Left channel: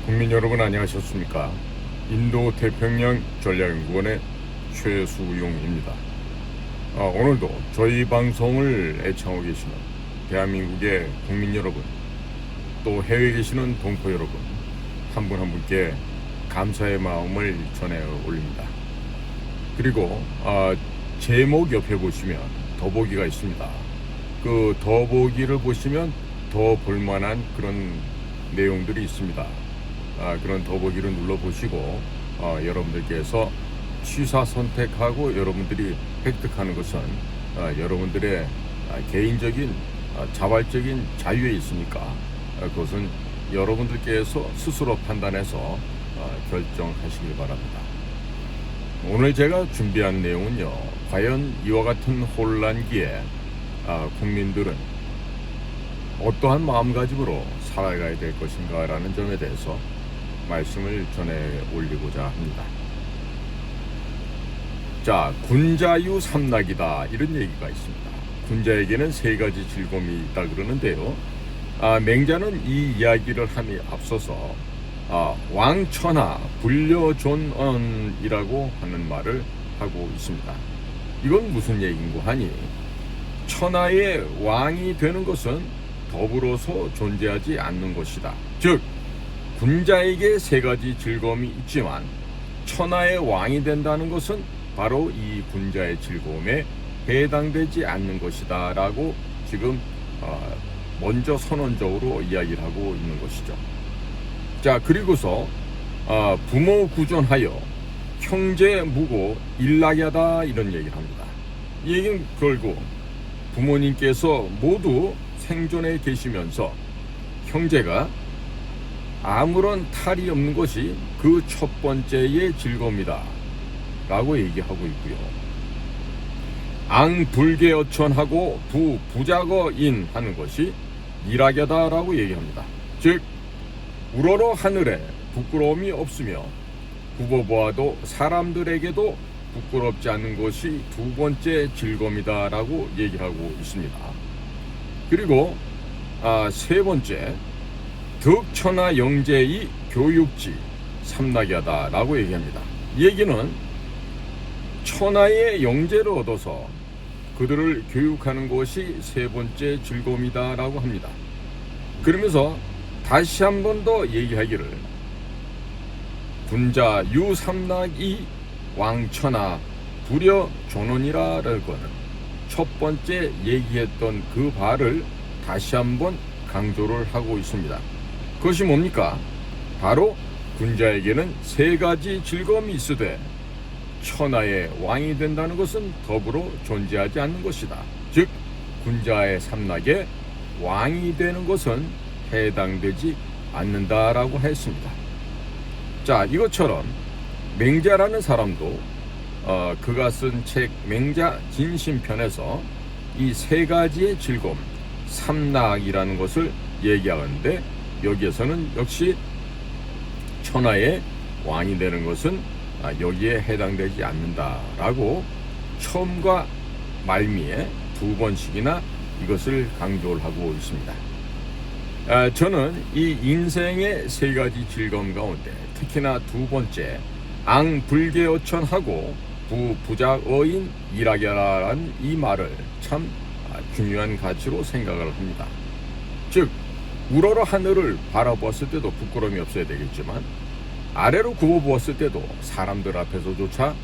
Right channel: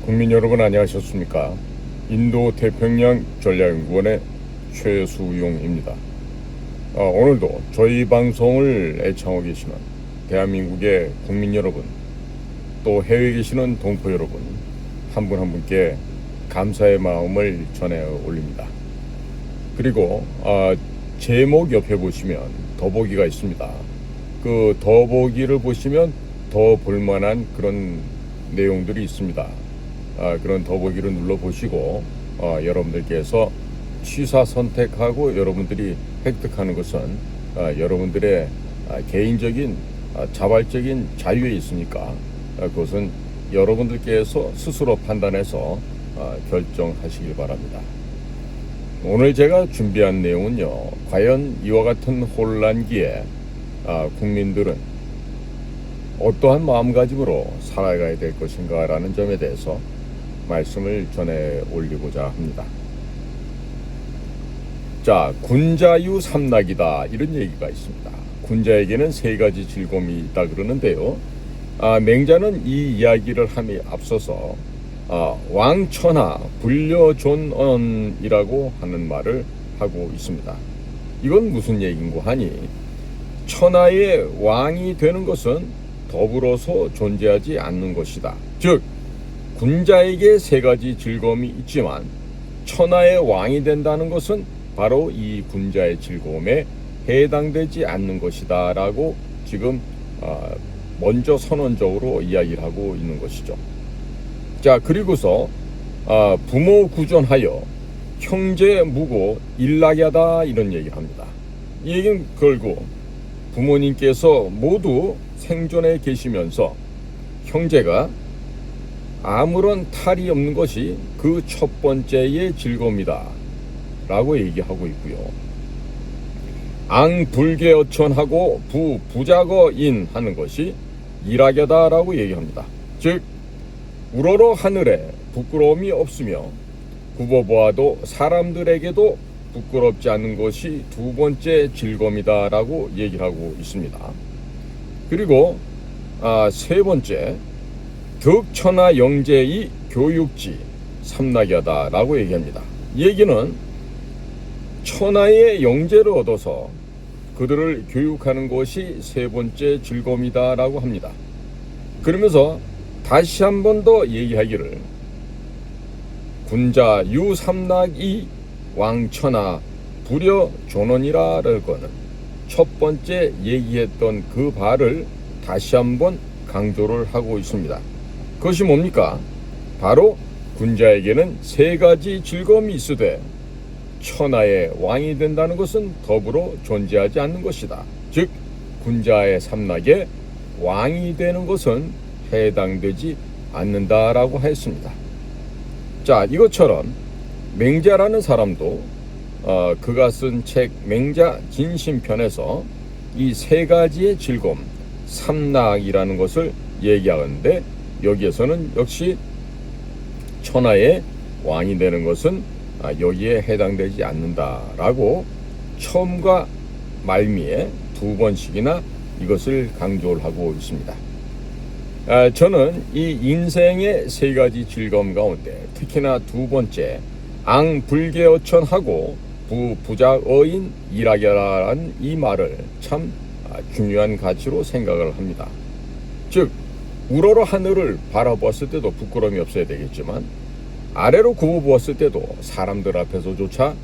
국민 여러분 안녕하셨습니까? 인도 태평양 전략연구원의 최수용입니다. 오늘도 저희 방송을 애청하고 계시는 대한민국의 국민 여러분, 또 해외에 계시는 동포 여러분, 한 분 한 분께 감사의 마음을 전해 올립니다. 그리고 제목 옆에 보시면 더보기가 있습니다. 그 더보기를 보시면 더 볼만한 그런 내용들이 있습니다. 그런 더보기를 눌러보시고 여러분들께서 취사 선택하고 여러분들이 획득하는 것은 여러분들의 개인적인 자발적인 자유에 있으니까 그것은 여러분들께서 스스로 판단해서 결정하시길 바랍니다. 오늘 제가 준비한 내용은요, 과연 이와 같은 혼란기에 국민들은 어떠한 마음가짐으로 살아가야 될 것인가 라는 점에 대해서 말씀을 전해 올리고자 합니다. 자, 군자유 삼락이다 이런 얘기가 있습니다. 군자에게는 세 가지 즐거움이 있다 그러는데요, 맹자는 이 이야기를 함에 앞서서 왕천하 불려존언이라고 하는 말을 하고 있습니다. 이건 무슨 얘기인고 하니, 천하의 왕이 되는 것은 더불어서 존재하지 않는 것이다. 즉, 군자에게 세 가지 즐거움이 있지만 천하의 왕이 된다는 것은 바로 이 군자의 즐거움에 해당되지 않는 것이다 라고 지금 먼저 선언적으로 이야기를 하고 있는 것이죠. 자, 그리고서 부모 구존하여 형제 무고 일락야다 이런 얘기를 합니다. 이 얘기는 결국 부모님께서 모두 생존해 계시면서 형제가 아무런 탈이 없는 것이 그 첫 번째의 즐거움이다 라고 얘기하고 있고요. 앙불개어천하고 부부작어인 하는 것이 일학야다 라고 얘기합니다. 즉, 우러러 하늘에 부끄러움이 없으며 굽어보아도 사람들에게도 부끄럽지 않는 것이 두 번째 즐거움이다 라고 얘기하고 있습니다. 그리고 세 번째, 덕천하 영재의 교육지 삼락야다 라고 얘기합니다. 이 얘기는 천하의 영재를 얻어서 그들을 교육하는 것이 세 번째 즐거움이다 라고 합니다. 그러면서 다시 한 번 더 얘기하기를, 군자 유삼락이 왕천하 불여존언이라는 거는 첫 번째 얘기했던 그 바를 다시 한번 강조를 하고 있습니다. 그것이 뭡니까? 바로 군자에게는 세 가지 즐거움이 있으되 천하의 왕이 된다는 것은 더불어 존재하지 않는 것이다. 즉, 군자의 삼락에 왕이 되는 것은 해당되지 않는다라고 했습니다. 자, 이것처럼 맹자라는 사람도 그가 쓴 책 맹자 진심편에서 이 세 가지의 즐거움, 삼락이라는 것을 얘기하는데, 여기에서는 역시 천하의 왕이 되는 것은 여기에 해당되지 않는다라고 처음과 말미에 두 번씩이나 이것을 강조를 하고 있습니다. 저는 이 인생의 세 가지 즐거움 가운데 특히나 두 번째, 앙불개어천하고 부부작어인 일학야라는 이 말을 참 중요한 가치로 생각을 합니다. 즉, 우러러 하늘을 바라보았을 때도 부끄러움이 없어야 되겠지만 아래로 굽어보았을 때도 사람들 앞에서조차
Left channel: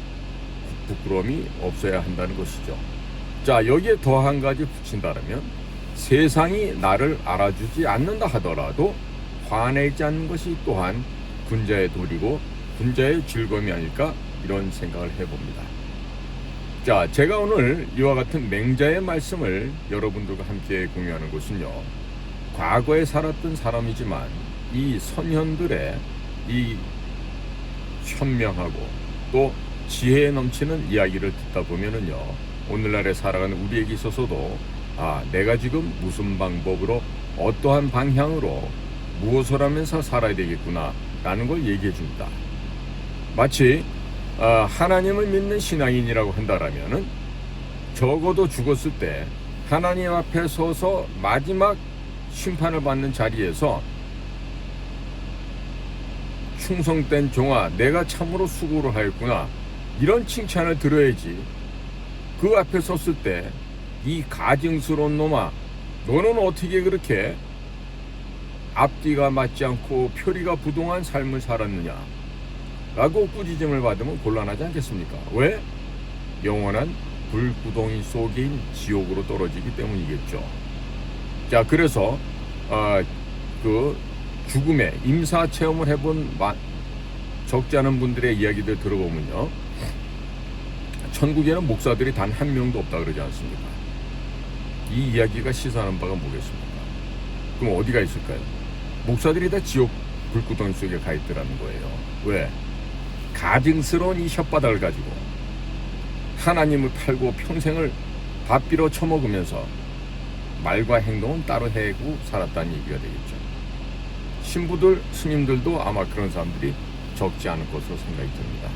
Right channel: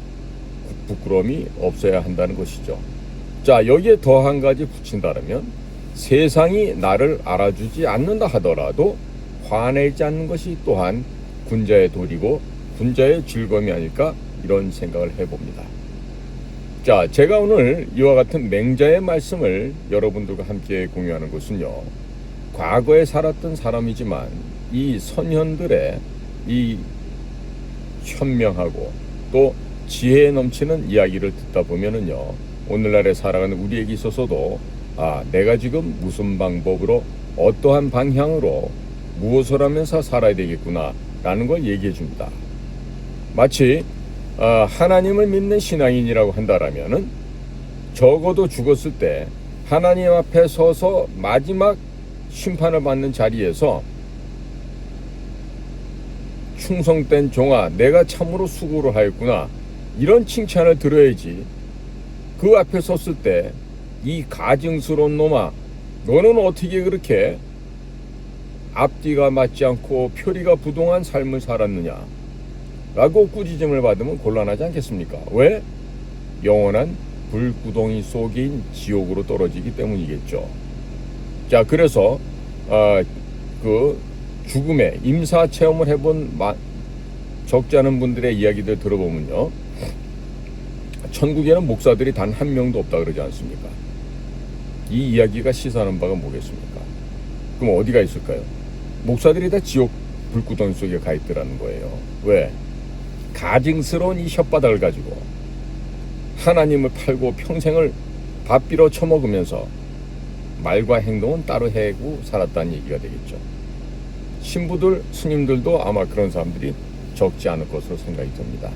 부끄러움이 없어야 한다는 것이죠. 자, 여기에 더 한 가지 붙인다면, 세상이 나를 알아주지 않는다 하더라도 화내지 않는 것이 또한 군자의 도리고 군자의 즐거움이 아닐까, 이런 생각을 해봅니다. 자, 제가 오늘 이와 같은 맹자의 말씀을 여러분들과 함께 공유하는 것은요, 과거에 살았던 사람이지만 이 선현들의 이 현명하고 또 지혜에 넘치는 이야기를 듣다 보면은요, 오늘날에 살아가는 우리에게 있어서도 내가 지금 무슨 방법으로 어떠한 방향으로 무엇을 하면서 살아야 되겠구나 라는 걸 얘기해 줍니다. 마치 하나님을 믿는 신앙인이라고 한다라면은 적어도 죽었을 때 하나님 앞에 서서 마지막 심판을 받는 자리에서 충성된 종아, 내가 참으로 수고를 하였구나, 이런 칭찬을 들어야지. 그 앞에 섰을 때 이 가증스러운 놈아, 너는 어떻게 그렇게 앞뒤가 맞지 않고 표리가 부동한 삶을 살았느냐 라고 꾸짖음을 받으면 곤란하지 않겠습니까? 왜? 영원한 불구덩이 속인 지옥으로 떨어지기 때문이겠죠. 자, 그래서 그 죽음의 임사 체험을 해본 적지 않은 분들의 이야기들 들어보면요, 천국에는 목사들이 단 한 명도 없다 그러지 않습니까? 이 이야기가 시사하는 바가 뭐겠습니까? 그럼 어디가 있을까요? 목사들이 다 지옥 불구덩이 속에 가 있더라는 거예요. 왜? 가증스러운 이 혓바닥을 가지고 하나님을 팔고 평생을 밥비로 처먹으면서 말과 행동은 따로 해고 살았다는 얘기가 되겠죠. 신부들, 스님들도 아마 그런 사람들이 적지 않을 것으로 생각이 듭니다.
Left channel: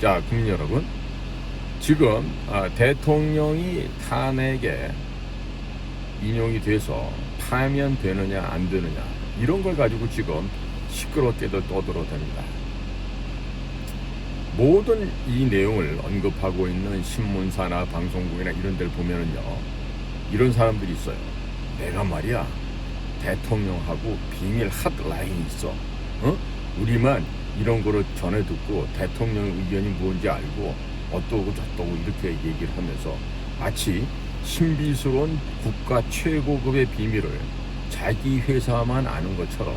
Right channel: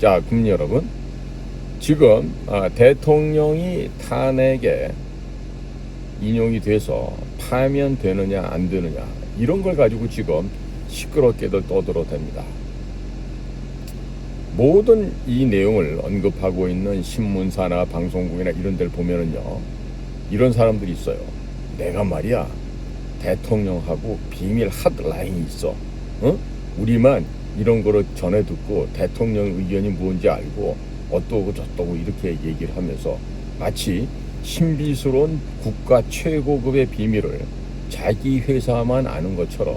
자, 국민 여러분, 지금 대통령이 탄핵에 인용이 돼서 파면되느냐 안 되느냐, 이런 걸 가지고 지금 시끄럽게들 떠들어댑니다. 모든 이 내용을 언급하고 있는 신문사나 방송국이나 이런 데를 보면은요, 이런 사람들이 있어요. 내가 말이야, 대통령하고 비밀 핫라인이 있어. 우리만 이런 거를 전해 듣고 대통령 의견이 뭔지 알고 어떠고 저떠고 이렇게 얘기를 하면서 마치 신비스러운 국가 최고급의 비밀을 자기 회사만 아는 것처럼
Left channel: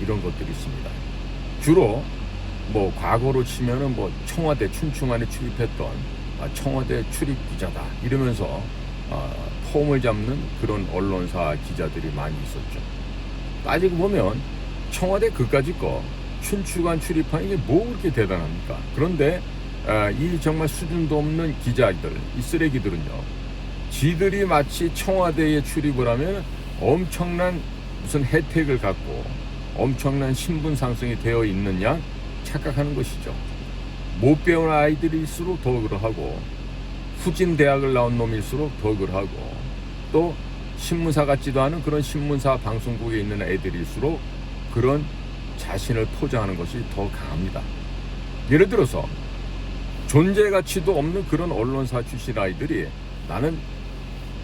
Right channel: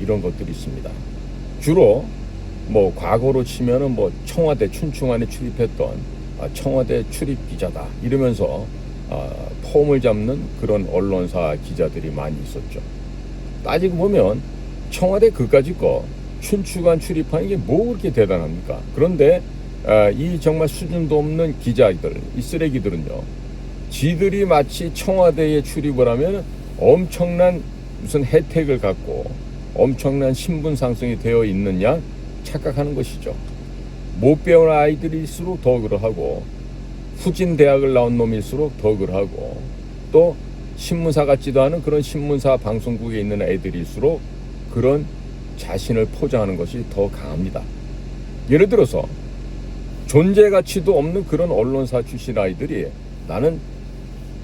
이런 것들이 있습니다. 주로 뭐 과거로 치면은 뭐 청와대 춘추관에 출입했던 청와대 출입 기자다 이러면서 폼을 잡는 그런 언론사 기자들이 많이 있었죠. 따지고 보면 청와대 그까짓 거 춘추관 출입한 이게 뭐 그렇게 대단합니까? 그런데 이 정말 수준도 없는 기자들, 이 쓰레기들은요, 지들이 마치 청와대에 출입을 하면 엄청난 무슨 혜택을 갖고 엄청난 신분 상승이 되어 있는 양 착각하는 것이죠. 못 배운 아이들일수록 더 그러하고, 후진 대학을 나온 놈일수록 더 그러하고, 또 신문사 같지도 않은 그런 신문사 방송국에 있는 애들일수록 그런 자신을 포장하는 것이 더 강합니다. 예를 들어서 존재 가치도 없는 그런 언론사 출신 아이들이 나는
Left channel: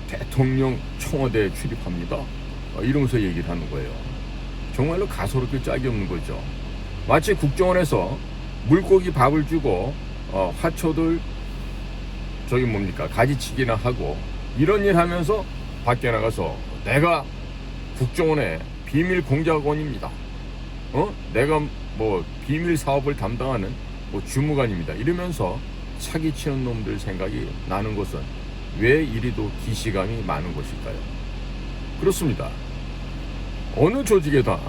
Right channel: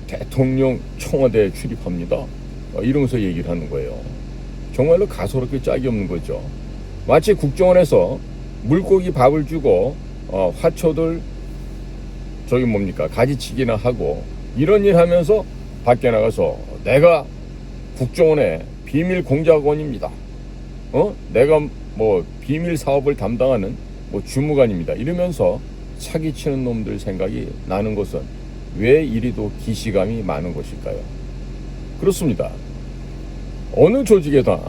대통령 청와대에 출입합니다, 이러면서 얘기를 하는 거예요. 정말로 가소롭게 짝이 없는 거죠. 마치 국정원에서 물고기 밥을 주고 화초들 가지치기나 하고 이런 일 하면서 밖에 나가서 내가 국정원의 비밀 공작원입니다, 내가 뭐 비밀 사업을 담당하는 뭐 주무관입니다, 이러면서 사기치는 놈들 생각이 나는 것은 왜 이리도 기시감이 많은 것일까요? 그렇습니다. 어느 조직에다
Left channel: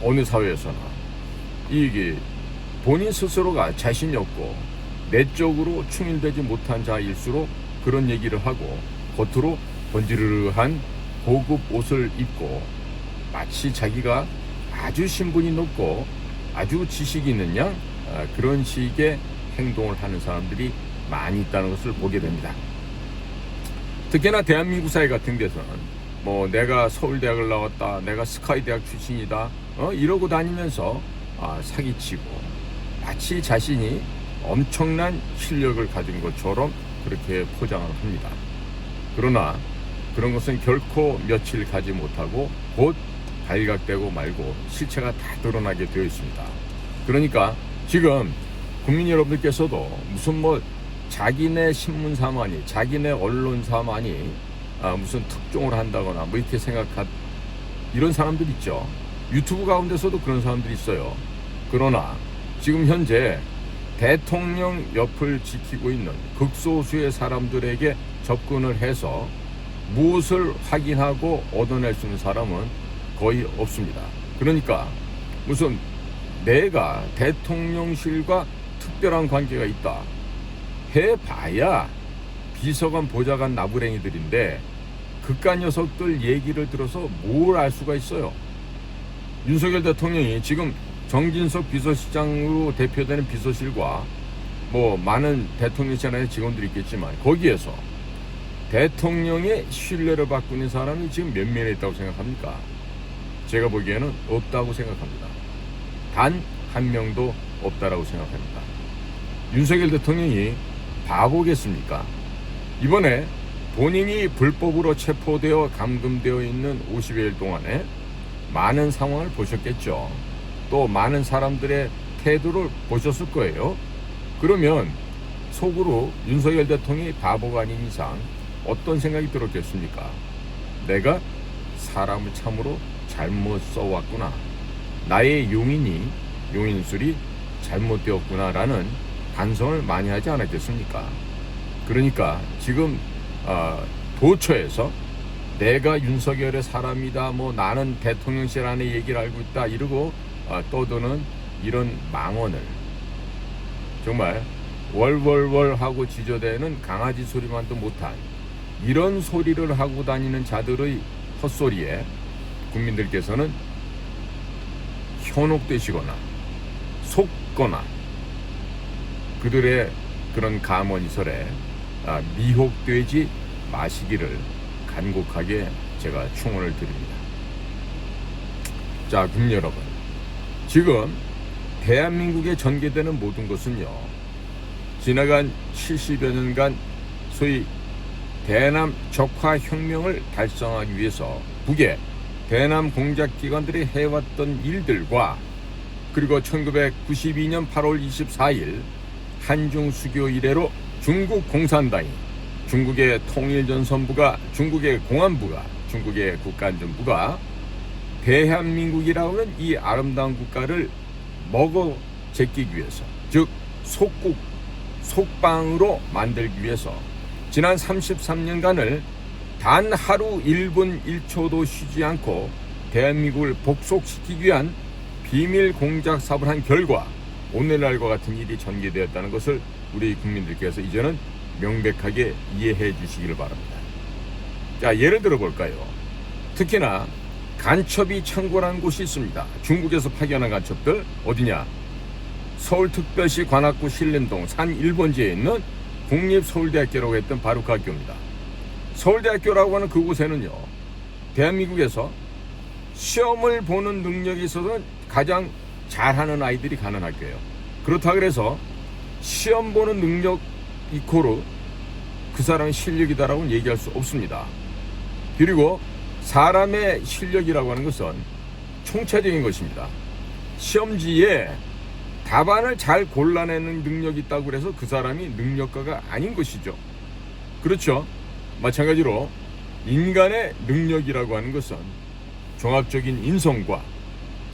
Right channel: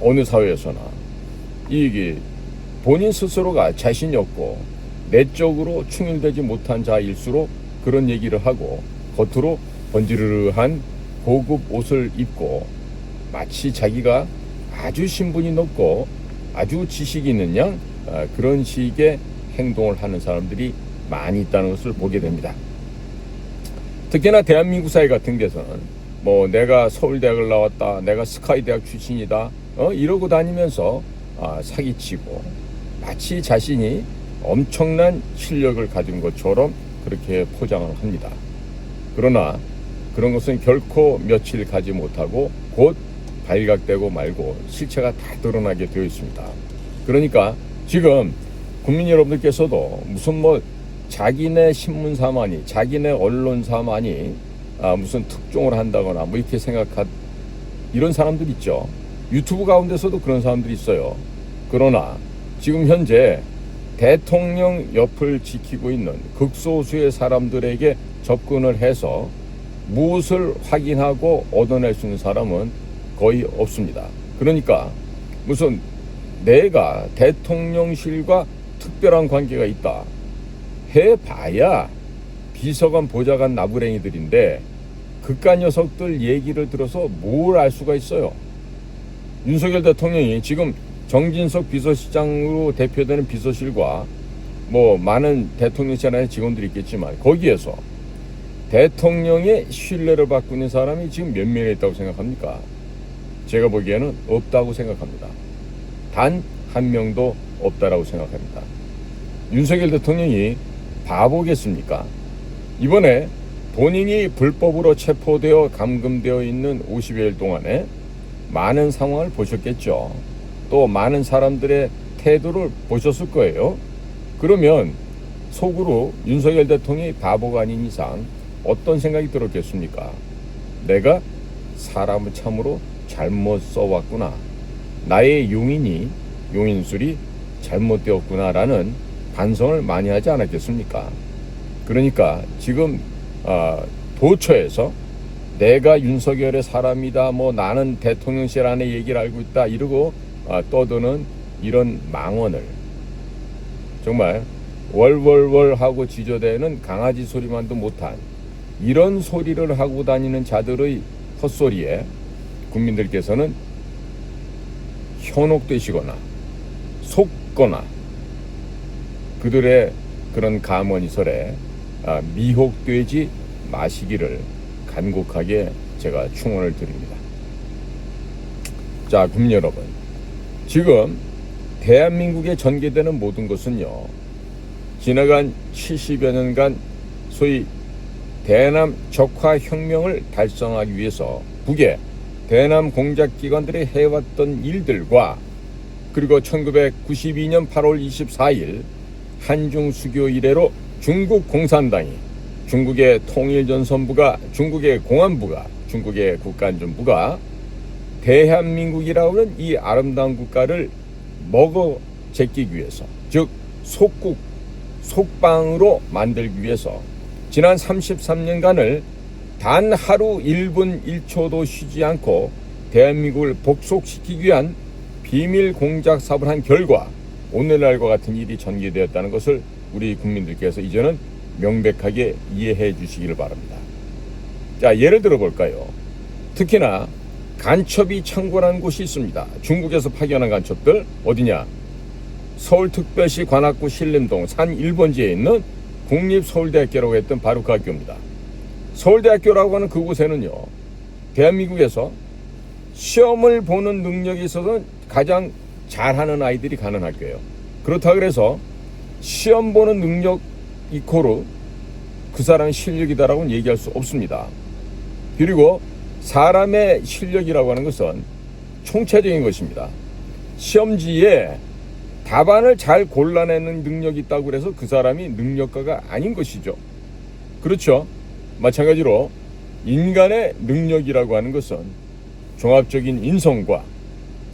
어느 사회에서나 이게 본인 스스로가 자신이 없고 내적으로 충실되지 못한 자일수록 그런 얘기를 하고 겉으로 번지르르한 고급 옷을 입고 마치 자기가 아주 신분이 높고 아주 지식이 있는 양 그런 식의 행동을 하는 사람들이 많이 있다는 것을 보게 됩니다. 특히나 대한민국 사회 같은 데서는 뭐 내가 서울대학을 나왔다, 내가 스카이대학 출신이다, 이러고 다니면서 사기치고 마치 자신이 엄청난 실력을 가진 것처럼 그렇게 포장을 합니다. 그러나 그런 것은 결코 며칠 가지 못하고 곧 발각되고 말고 실체가 다 드러나게 되어 있습니다. 그러니까 지금 국민 여러분들께서도 무슨 뭐 자기네 신문사만이, 자기네 언론사만이 무슨 특종을 한다거나 뭐 이렇게 생각한 이런 사람들 있죠. 유튜브 가운데서도 그런 사람들이 있어요. 그러나 지금 현재 대통령 옆을 지키고 있는 극소수의 사람들에게 접근을 해서 무엇을 확인하고 얻어낼 수 있는 사람은 거의 없습니다. 그러니까 무슨 내가 대통령실과 특별한 관계가 있다 해봐야 비서관, 보좌관, 나부랭이들인데 그깟 녀석들 얘기를 들어서 뭘 알 수가 있어요. 윤석열 대통령이 지금 정진석 비서실장으로 대표되는 비서실과 뭐 많은 대통령실 안에 직원들이 있겠지만 거기에서 대통령의 신뢰를 받고 있는 사람이 지금 몇 명이 있다고 생각합니까? 제가 보기에는 없다고 생각합니다. 단 한 명도 없다라고 생각합니다. 윤석열 대통령이 바보겠습니까? 이번에 본인이 불법으로 체포되어 감금되어 있는 50여일 동안에 많은 상황을 보셨겠죠. 또 많은 사람들의 태도를 보셨을 거예요. 그러면 속으로 윤석열 대통령이 바보가 아닌 이상 어떤 생각이 들었겠습니까? 내가 사람을 참으로 잘못 써왔구나. 나의 용인술이 잘못되었구나라는 반성을 많이 하지 않았겠습니까? 그러니까 지금 도처에서 내가 윤석열의 사람이다, 뭐 나는 대통령실 안에 얘기를 알고 있다 이러고 떠드는 이런 망언을, 정말 월월월 하고 지저대는 강아지 소리만도 못한 이런 소리를 하고 다니는 자들의 헛소리에 국민들께서는 현혹되시거나 속거나 그들의 그런 감언이설에 미혹되지 마시기를 간곡하게 제가 충원을 드립니다. 자, 국민 여러분, 지금 대한민국에 전개되는 모든 것은요, 지나간 70여 년간 소위 대남 적화 혁명을 달성하기 위해서 북의 대남 공작기관들이 해왔던 일들과, 그리고 1992년 8월 24일 한중 수교 이래로 중국 공산당이, 중국의 통일전선부가, 중국의 공안부가, 중국의 국가안전부가 대한민국이라고 하는 이 아름다운 국가를 먹어 제끼기 위해서, 즉 속국, 속방으로 만들기 위해서 지난 33년간을 단 하루 1분 1초도 쉬지 않고 대한민국을 복속시키기 위한 비밀 공작 사업을 한 결과 오늘날과 같은 일이 전개되었다는 것을 우리 국민들께서 이제는 명백하게 이해해 주시기를 바랍니다. 자, 예를 들어 볼까요? 특히나 간첩이 창궐하는 곳이 있습니다. 중국에서 파견한 간첩들 어디냐? 서울특별시 관악구 신림동 산 1번지에 있는 국립서울대학교라고 했던 바로 그 학교입니다. 서울대학교라고 하는 그곳에는요, 대한민국에서 시험을 보는 능력에 있어서는 가장 잘하는 아이들이 가는 학교예요. 그렇다 그래서 시험 보는 능력 이코르 그 사람의 실력이다라고는 얘기할 수 없습니다. 그리고 사람의 실력이라고 하는 것은 총체적인 것입니다. 시험지에 답안을 잘 골라내는 능력이 있다고 해서 그 사람이 능력가가 아닌 것이죠. 그렇죠? 마찬가지로 인간의 능력이라고 하는 것은 종합적인 인성과,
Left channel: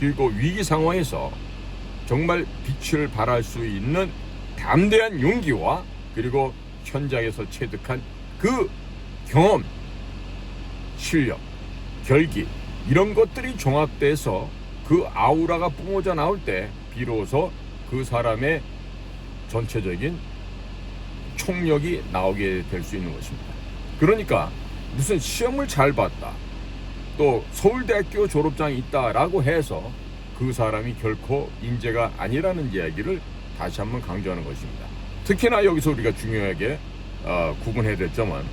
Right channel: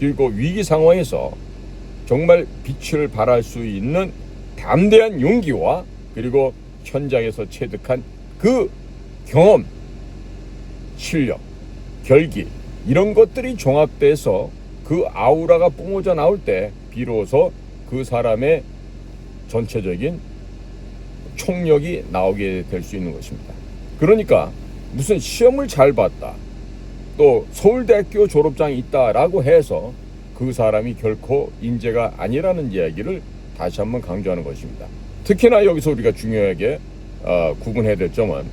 그리고 위기 상황에서 정말 빛을 발할 수 있는 담대한 용기와, 그리고 현장에서 체득한 그 경험, 실력, 결기, 이런 것들이 종합돼서 그 아우라가 뿜어져 나올 때 비로소 그 사람의 전체적인 총력이 나오게 될 수 있는 것입니다. 그러니까 무슨 시험을 잘 봤다, 또 서울대학교 졸업장이 있다라고 해서 그 사람이 결코 인재가 아니라는 이야기를 다시 한번 강조하는 것입니다. 특히나 여기서 우리가 중요하게 구분해야 될 점은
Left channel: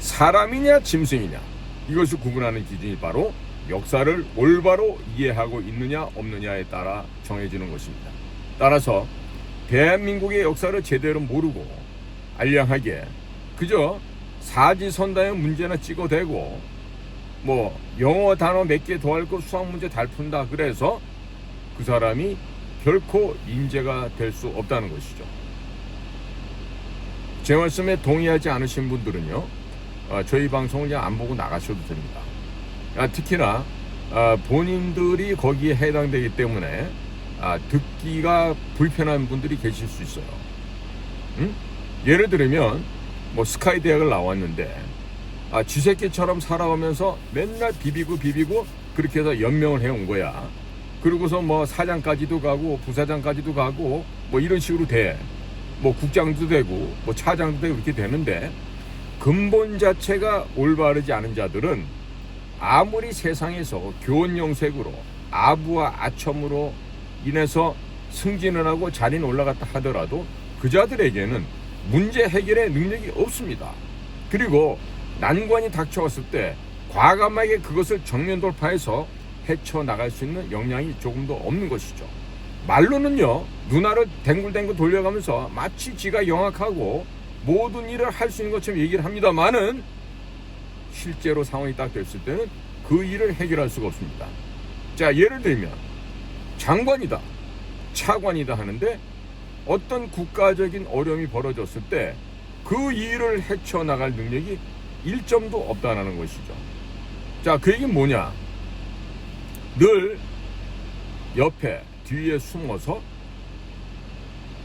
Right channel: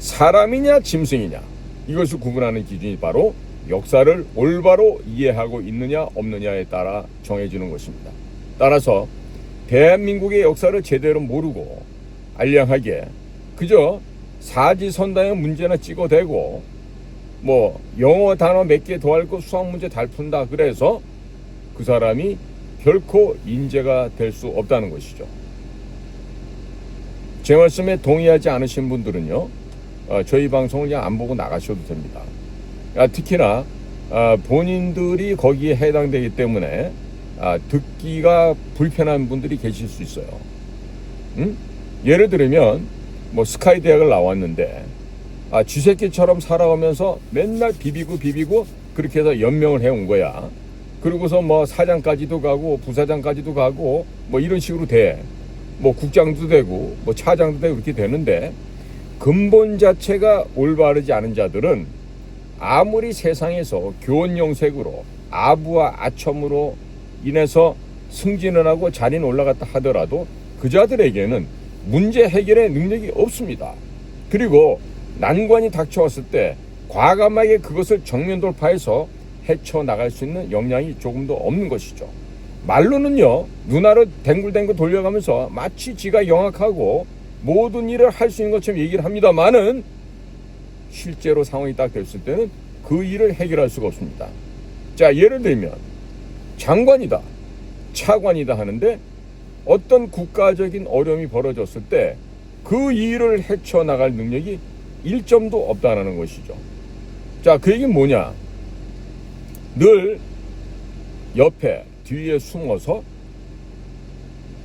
사람이냐 짐승이냐, 이것을 구분하는 기준이 바로 역사를 올바로 이해하고 있느냐 없느냐에 따라 정해지는 것입니다. 따라서 대한민국의 역사를 제대로 모르고 알량하게 그저 사지선다의 문제나 찍어대고, 뭐 영어 단어 몇 개 더 알고 수학 문제 잘 푼다 그래서 그 사람이 결코 인재가 될 수 없다는 것이죠. 제 말씀에 동의하지 않으신 분들은요, 저희 방송을 그냥 안 보고 나가셔도 됩니다. 특히나 본인들이 거기에 해당되기 때문에 듣기가 불편한 분들이 계실 수 있어요. 예를 들면 뭐 스카이 대학을 나왔는데 쥐새끼처럼 살아오면서 맨날 비비고 그렇게 해서 연명을 해온 거야. 그러고서 뭐 사장까지도 가고 부사장까지도 가고 뭐 이런 식으로 돼. 뭐 국장도 되고 뭐 차장도 되고 이렇게 되는데, 근본 자체가 올바르지 않은 자들은 아무리 세상에서 교원영색으로 아부와 아첨으로 인해서 승진을 하고 자리는 올라갔다 하더라도 그 자들에게는 문제 해결의 능력이 없습니다. 그리고 난관이 닥쳐왔을 때 과감하게 그것을 정면 돌파해서 헤쳐나갈 수 있는 역량이 조금도 없는 것이죠. 말로는요, 눈알을 댕글댕글 돌려가면서 마치 지가 영악하고 모든 일을 할 수 있는 것처럼 얘기를 합니다만은 실제로 상황이 딱 됐을 때는 그 일을 해결할 수가 없습니다. 자, 예를 들면 장관이다, 차관이다 하는데 어떤 국가적인 어려움이 벌어졌을 때 그 일을 헤쳐나갈 능력이 1점도 없다는 것이죠. 자, 그 얘기는 뭐냐? 늘 옆에 뒤에 숨어서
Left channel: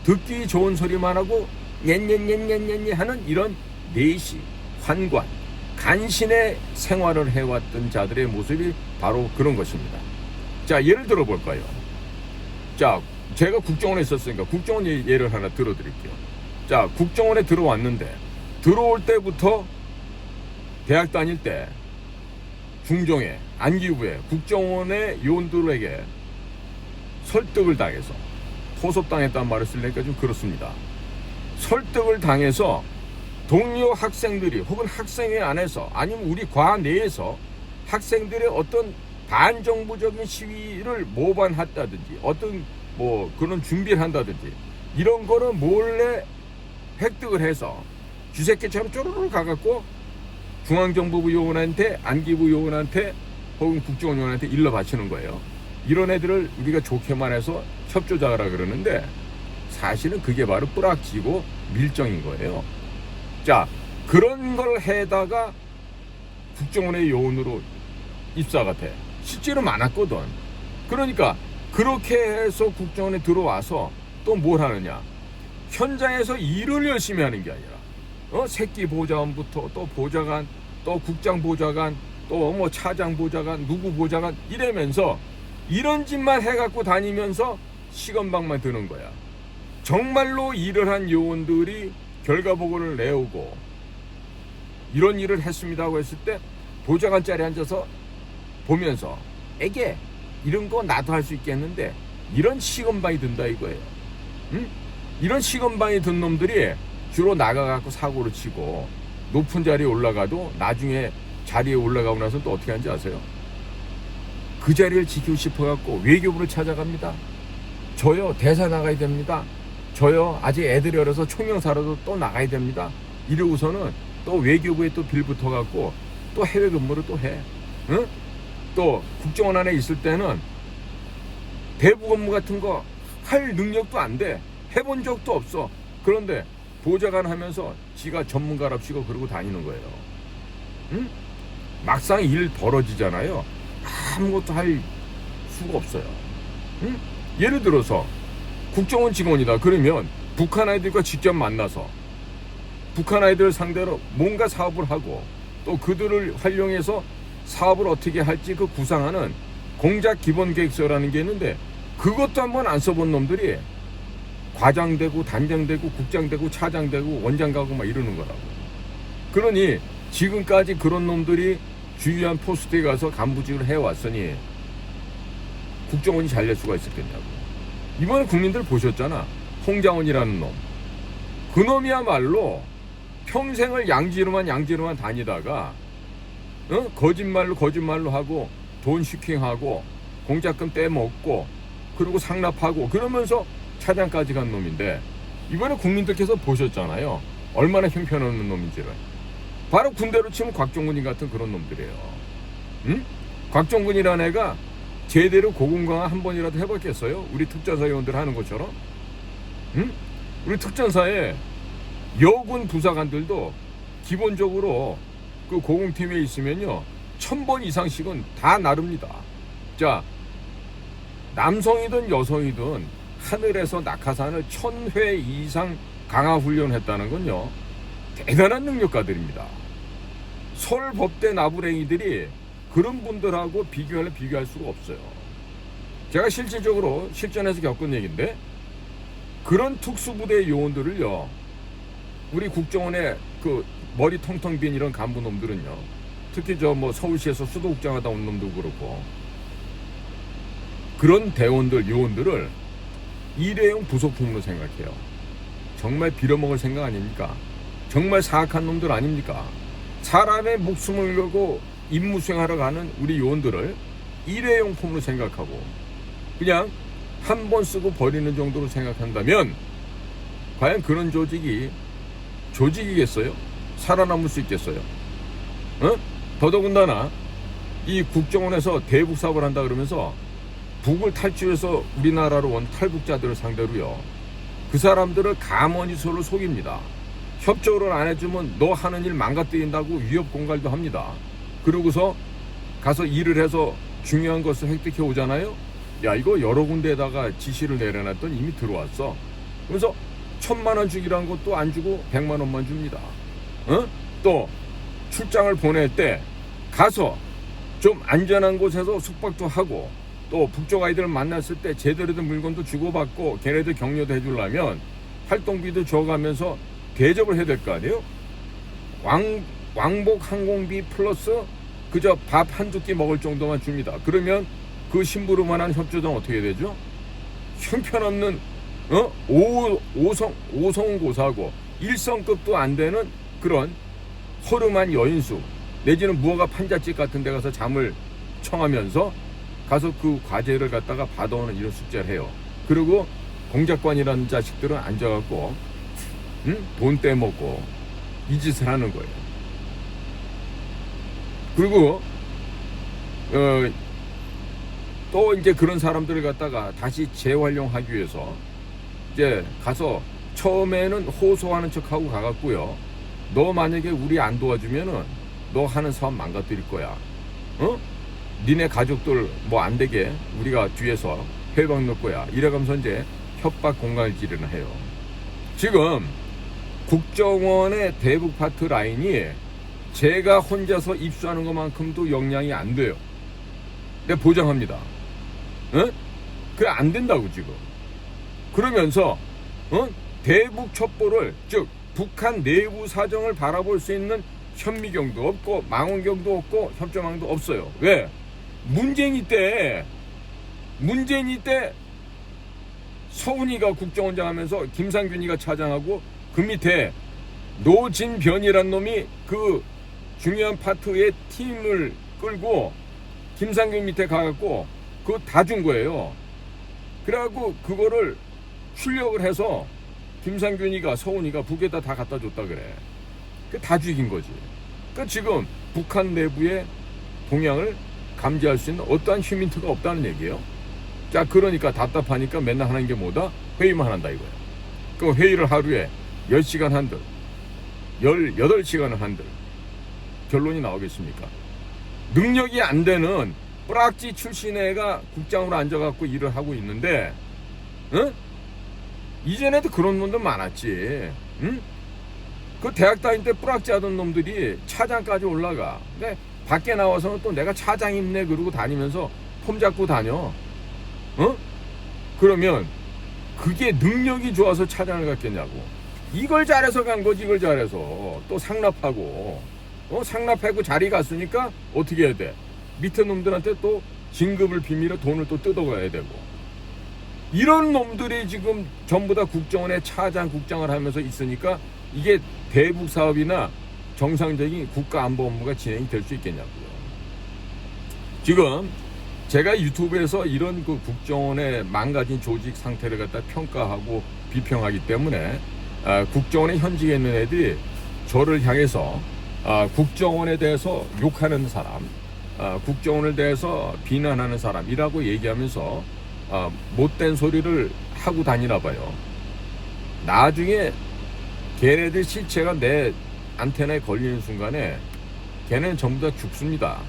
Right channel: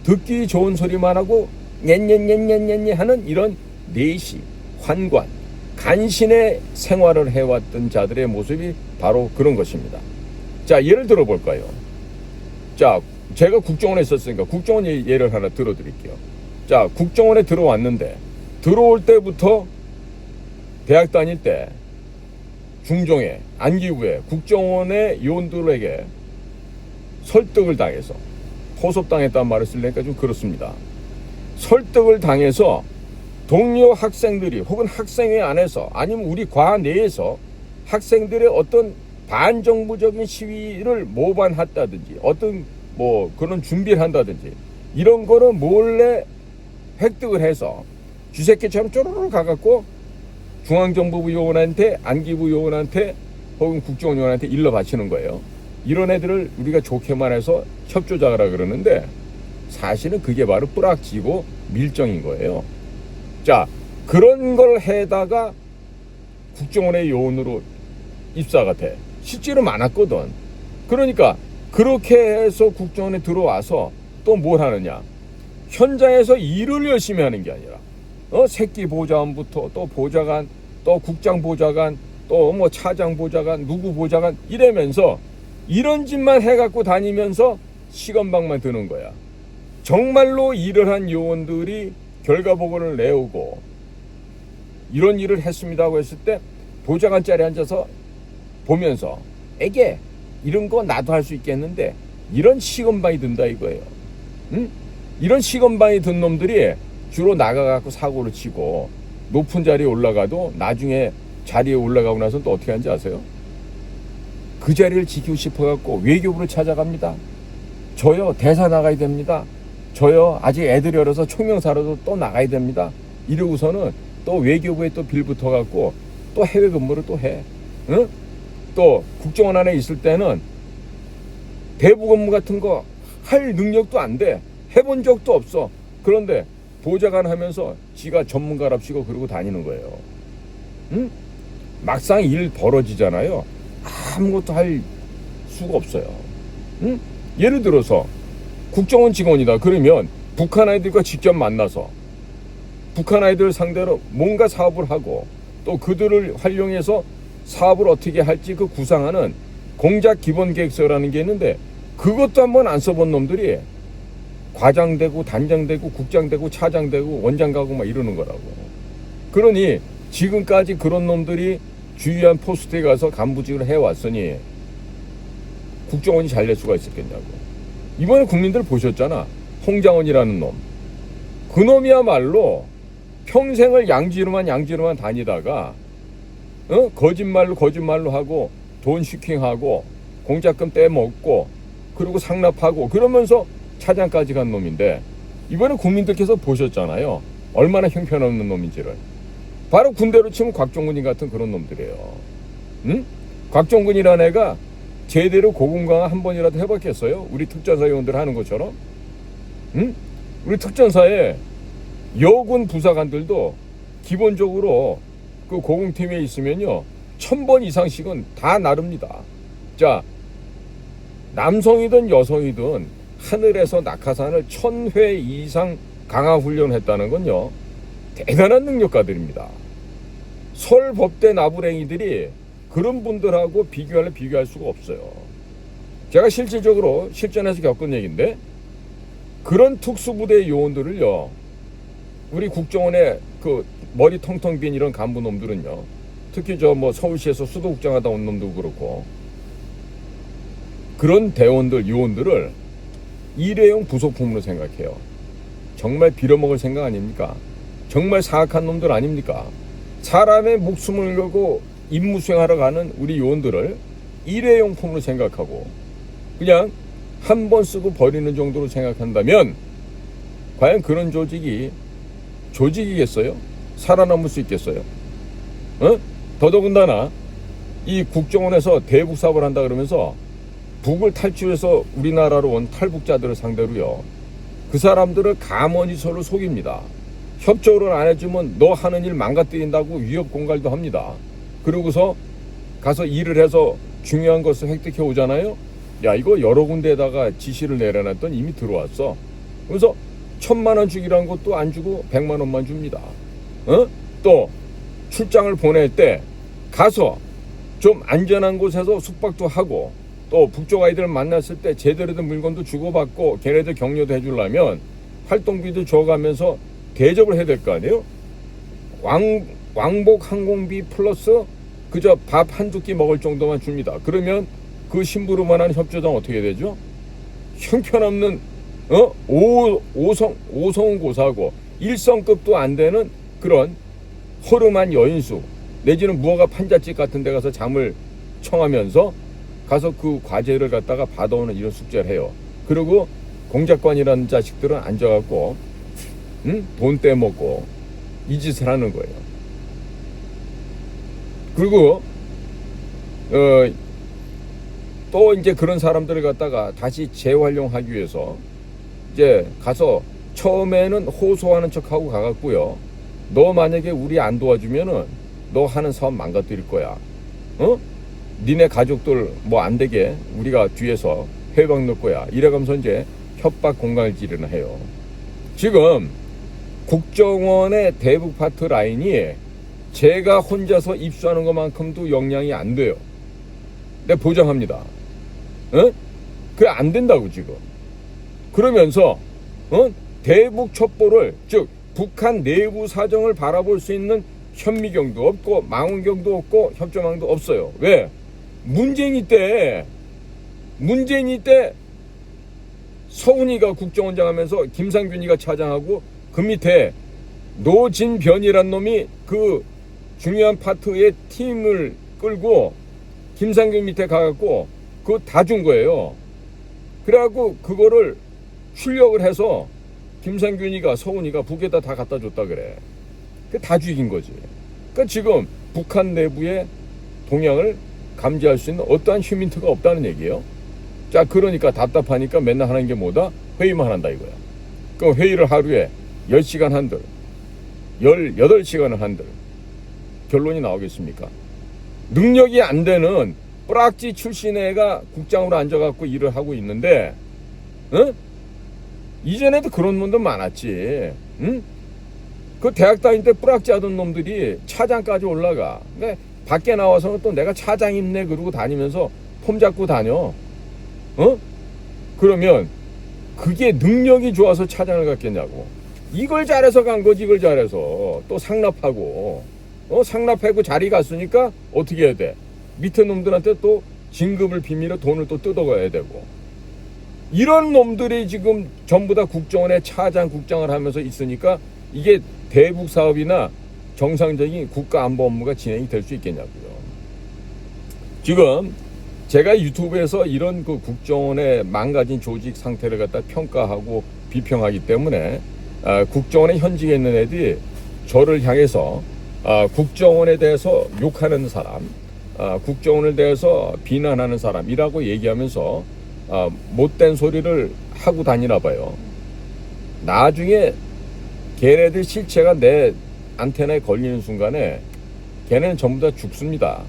듣기 좋은 소리만 하고 녜녜녜녜녜 하는 이런 내시, 환관, 간신의 생활을 해왔던 자들의 모습이 바로 그런 것입니다. 자, 예를 들어볼까요? 자, 제가 국정원에 있었으니까 국정원 예를 하나 들어드릴게요. 자, 국정원에 들어왔는데 들어올 때부터 대학 다닐 때 중종에 안기부에 국정원의 요원들에게 설득을 당해서 포섭당했다는 말을 쓰려니까 좀 그렇습니다. 설득을 당해서 동료 학생들이 혹은 학생회 안에서 아니면 우리 과 내에서 학생들의 어떤 반정부적인 시위를 모반했다든지 어떤 뭐 그런 준비를 한다든지 이런 거는 몰래 획득을 해서 쥐새끼처럼 쪼르르 가갖고 중앙정보부 요원한테 안기부 요원한테 혹은 국정원 요원한테 일러 바치는 거예요. 이런 애들을 우리가 좋게만 해서 협조자라 그러는데 사실은 그게 바로 뿌락지고 밀정인 거예요. 자, 그런 걸 해다가 국정원의 요원으로 입사가 돼. 실제로 많았거든. 그러니까 그렇게 해서 국정원에 들어와서 또 뭘 하느냐? 현장에서 일을 열심히 하는 게 아니라 새끼 보좌관부터 또 보좌관, 또 국장 보좌관, 또 뭐 차장 보좌관, 누구 보좌관 이러면서 이런 짓만 해갖고 다니면서 시건방만 드는 거야. 정말로 일을 한 요원들이 결과 보고를 내오고 이런 일을 했습니다고 했을 때 보좌관 자리에 앉아서 보면서 에게 이런 거 나도 할 수 있겠는데 이런 시건방이 든다 이거예요. 응? 이런 시건방이 든 놈들이 주로 나가갖고 사고를 치고 높은 자리에 올라가도 나중에 자리에 올라가고 나서 또 어떻게 하는지 아세요? 그 자리를 지키고 싶어갖고 외교부를 찾아갑니다. 저요 대사 나가야 됩니다. 저요 아직 애들이 어려서 총영사라도 또 나가야 됩니다. 이러고서는 또 외교부에 또 빌 붙어갖고 또 해외 근무를 또 해. 응? 또 국정원 안에 있을 때는 대부 근무 같은 거 할 능력도 안 돼. 해본 적도 없어. 그런데 보좌관 하면서 지가 전문가랍시고 그러고 다니는 거예요. 응? 막상 일 벌어지잖아요. 아무것도 할 수가 없어요. 응? 예를 들어서 국정원 직원이다. 그러면 북한 아이들과 직접 만나서 북한 아이들 상대로 뭔가 사업을 하고 또 그들을 활용해서 사업을 어떻게 할지 그 구상하는 공작 기본 계획서라는 게 있는데 그것도 한번 안 써본 놈들이 과장되고 단장되고 국장되고 차장되고 원장가고 막 이러는 거라고. 그러니 지금까지 그런 놈들이 주요한 포스트에 가서 간부직을 해왔으니 국정원이 잘 될 수가 있었겠냐고. 이번에 국민들 보셨잖아. 홍장원이라는 놈. 그 놈이야말로 평생을 양지로만 다니다가 거짓말로 하고 돈 슈킹하고 공작금 떼먹고 그리고 상납하고 그러면서 차장까지 간 놈인데 이번에 국민들께서 보셨잖아요. 얼마나 형편없는 놈인지를. 바로 군대로 치면 곽종근이 같은 그런 놈들이에요. 응? 곽종근이라는 애가 제대로 고군강화 한 번이라도 해봤겠어요? 우리 특전사 요원들 하는 것처럼? 응? 우리 특전사에 여군 부사관들도 기본적으로 그 고공팀에 있으면요 1000번 이상씩은 다 나릅니다. 자, 남성이든 여성이든 하늘에서 낙하산을 1000회 이상 강화 훈련했다는 건요 대단한 능력가들입니다. 설법대 나부랭이들이 그런 분들하고 비교할 수가 없어요. 제가 실질적으로 실전에서 겪은 얘기인데 그런 특수부대 요원들을요 우리 국정원의 그 머리 텅텅 빈 이런 간부놈들은요 특히 저 뭐 서울시에서 수도국장 하다 온 놈도 그렇고 그런 대원들 요원들을 일회용 부속품으로 생각해요. 정말 빌어먹을 생각 아닙니까? 정말 사악한 놈들 아닙니까? 사람의 목숨을 걸고 임무 수행하러 가는 우리 요원들을 일회용품으로 생각하고 그냥 한 번 쓰고 버리는 정도로 생각한다면 과연 그런 조직이겠어요? 살아남을 수 있겠어요? 더더군다나 이 국정원에서 대북 사업을 한다 그러면서 북을 탈출해서 우리나라로 온 탈북자들을 상대로요, 그 사람들을 가만히 서로 속입니다. 협조를 안 해주면 너 하는 일 망가뜨린다고 위협 공갈도 합니다. 그러고서 가서 일을 해서 중요한 것을 획득해 오잖아요. 야, 이거 여러 군데에다가 지시를 내려놨더니 이미 들어왔어. 그래서 1,000만 원 주기란 것도 안 주고 100만 원만 줍니다. 또 출장을 보낼 때 가서 좀 안전한 곳에서 숙박도 하고, 또 북쪽 아이들을 만났을 때 제대로 된 물건도 주고받고 걔네들 격려도 해주려면 활동비도 줘가면서 대접을 해야 될 거 아니에요. 왕복 항공비 플러스 그저 밥 한두 끼 먹을 정도만 줍니다. 그러면 그 심부름만한 협조장 어떻게 되죠? 형편없는 오성고사고 1성급도 안 되는 그런 허름한 여인수 내지는 무허가 판잣집 같은 데 가서 잠을 청하면서 가서 그 과제를 갖다가 받아오는 이런 숙제를 해요. 그리고 공작관이라는 자식들은 앉아갖고 돈 떼먹고 이 짓을 하는 거예요. 그리고 또 이제 그런 사람들을 갖다가 다시 재활용하기 위해서 이제 가서 처음에는 호소하는 척하고 가갖고요, 너 만약에 우리 안 도와주면은 너 하는 사업 망가뜨릴 거야. 니네 가족들 뭐 안 되게 우리가 뒤에서 해방 넣을 거야. 이래가면서 이제 협박 공갈질을 해요. 지금 국정원의 대북 파트 라인이 제가 혼자서 입수하는 것만큼도 역량이 안 돼요. 내가 보장합니다. 그게 안 된다고 지금. 그러면서 대북 첩보를, 즉 북한 내부 사정을 바라볼 수 있는 현미경도 없고 망원경도 없고 협조망도 없어요. 왜? 문재인이 때 서훈이가 국정원장 하면서 김상균이가 차장하고 그 밑에 노진변이란 놈이 그 중요한 파트의 팀을 끌고 김상균 밑에 가갖고 그거 다 준 거예요. 그래갖고 그거를 출력을 해서 김상균이가 서훈이가 북에다 다 갖다 줬다 그래. 그 다 죽인 거지. 그러니까 지금 북한 내부의 동향을 감지할 수 있는 어떠한 휴민트가 없다는 얘기예요. 자, 그러니까 답답하니까 맨날 하는 게 뭐다? 회의만 한다 이거야. 그 회의를 하루에 10시간 한들 18시간을 한들 결론이 나오겠습니까? 능력이 안 되는 뿌락지 출신 애가 국장으로 앉아갖고 일을 하고 있는데, 이전에도 그런 놈들 많았지. 그 대학 다닐 때 뿌락지 하던 놈들이 차장까지 올라가. 근데 밖에 나와서는 또 내가 차장 있네 그러고 다니면서 폼 잡고 다녀. 그러면 그게 능력이 좋아서 차장을 갔겠냐고. 이걸 잘해서 간 거지. 이걸 잘해서 또 상납하고 상납하고 자리 갔으니까 어떻게 해야 돼? 밑에 놈들한테 또 진급을 비밀로 돈을 또 뜯어가야 되고. 이런 놈들이 지금 전부 다 국정원의 차장 국장을 하면서 있으니까 이게 대북 사업이나 정상적인 국가 안보 업무가 진행이 될 수 있겠냐고요. 지금 제가 유튜브에서 이런 그 국정원의 망가진 조직 상태를 갖다 평가하고 비평하기 때문에 국정원에 현직에 있는 애들이 저를 향해서 국정원에 대해서 욕하는 사람, 국정원에 대해서 비난하는 사람이라고 얘기하면서 못된 소리를 하고 다니나 봐요. 나중에 걔네들 실체가 내 안테나에 걸리는 순간에 걔네는 전부 다 죽습니다.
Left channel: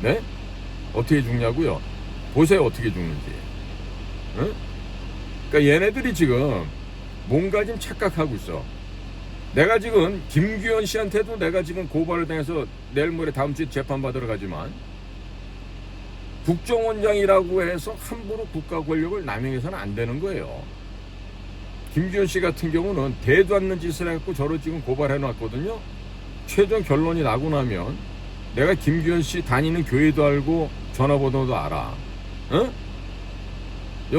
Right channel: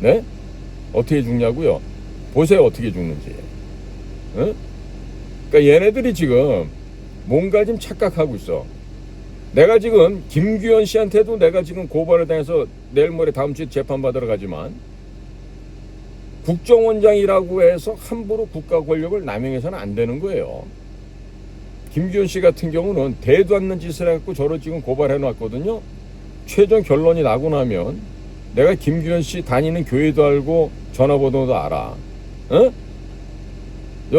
네? 어떻게 죽냐고요? 보세요, 어떻게 죽는지. 그러니까 얘네들이 지금 뭔가 좀 착각하고 있어. 내가 지금 김규현 씨한테도 내가 지금 고발을 당해서 내일 모레 다음 주에 재판받으러 가지만 국정원장이라고 해서 함부로 국가 권력을 남용해서는 안 되는 거예요. 김규현 씨 같은 경우는 대도 않는 짓을 해갖고 저를 지금 고발해 놨거든요. 최종 결론이 나고 나면 내가 김규현 씨 다니는 교회도 알고 전화번호도 알아.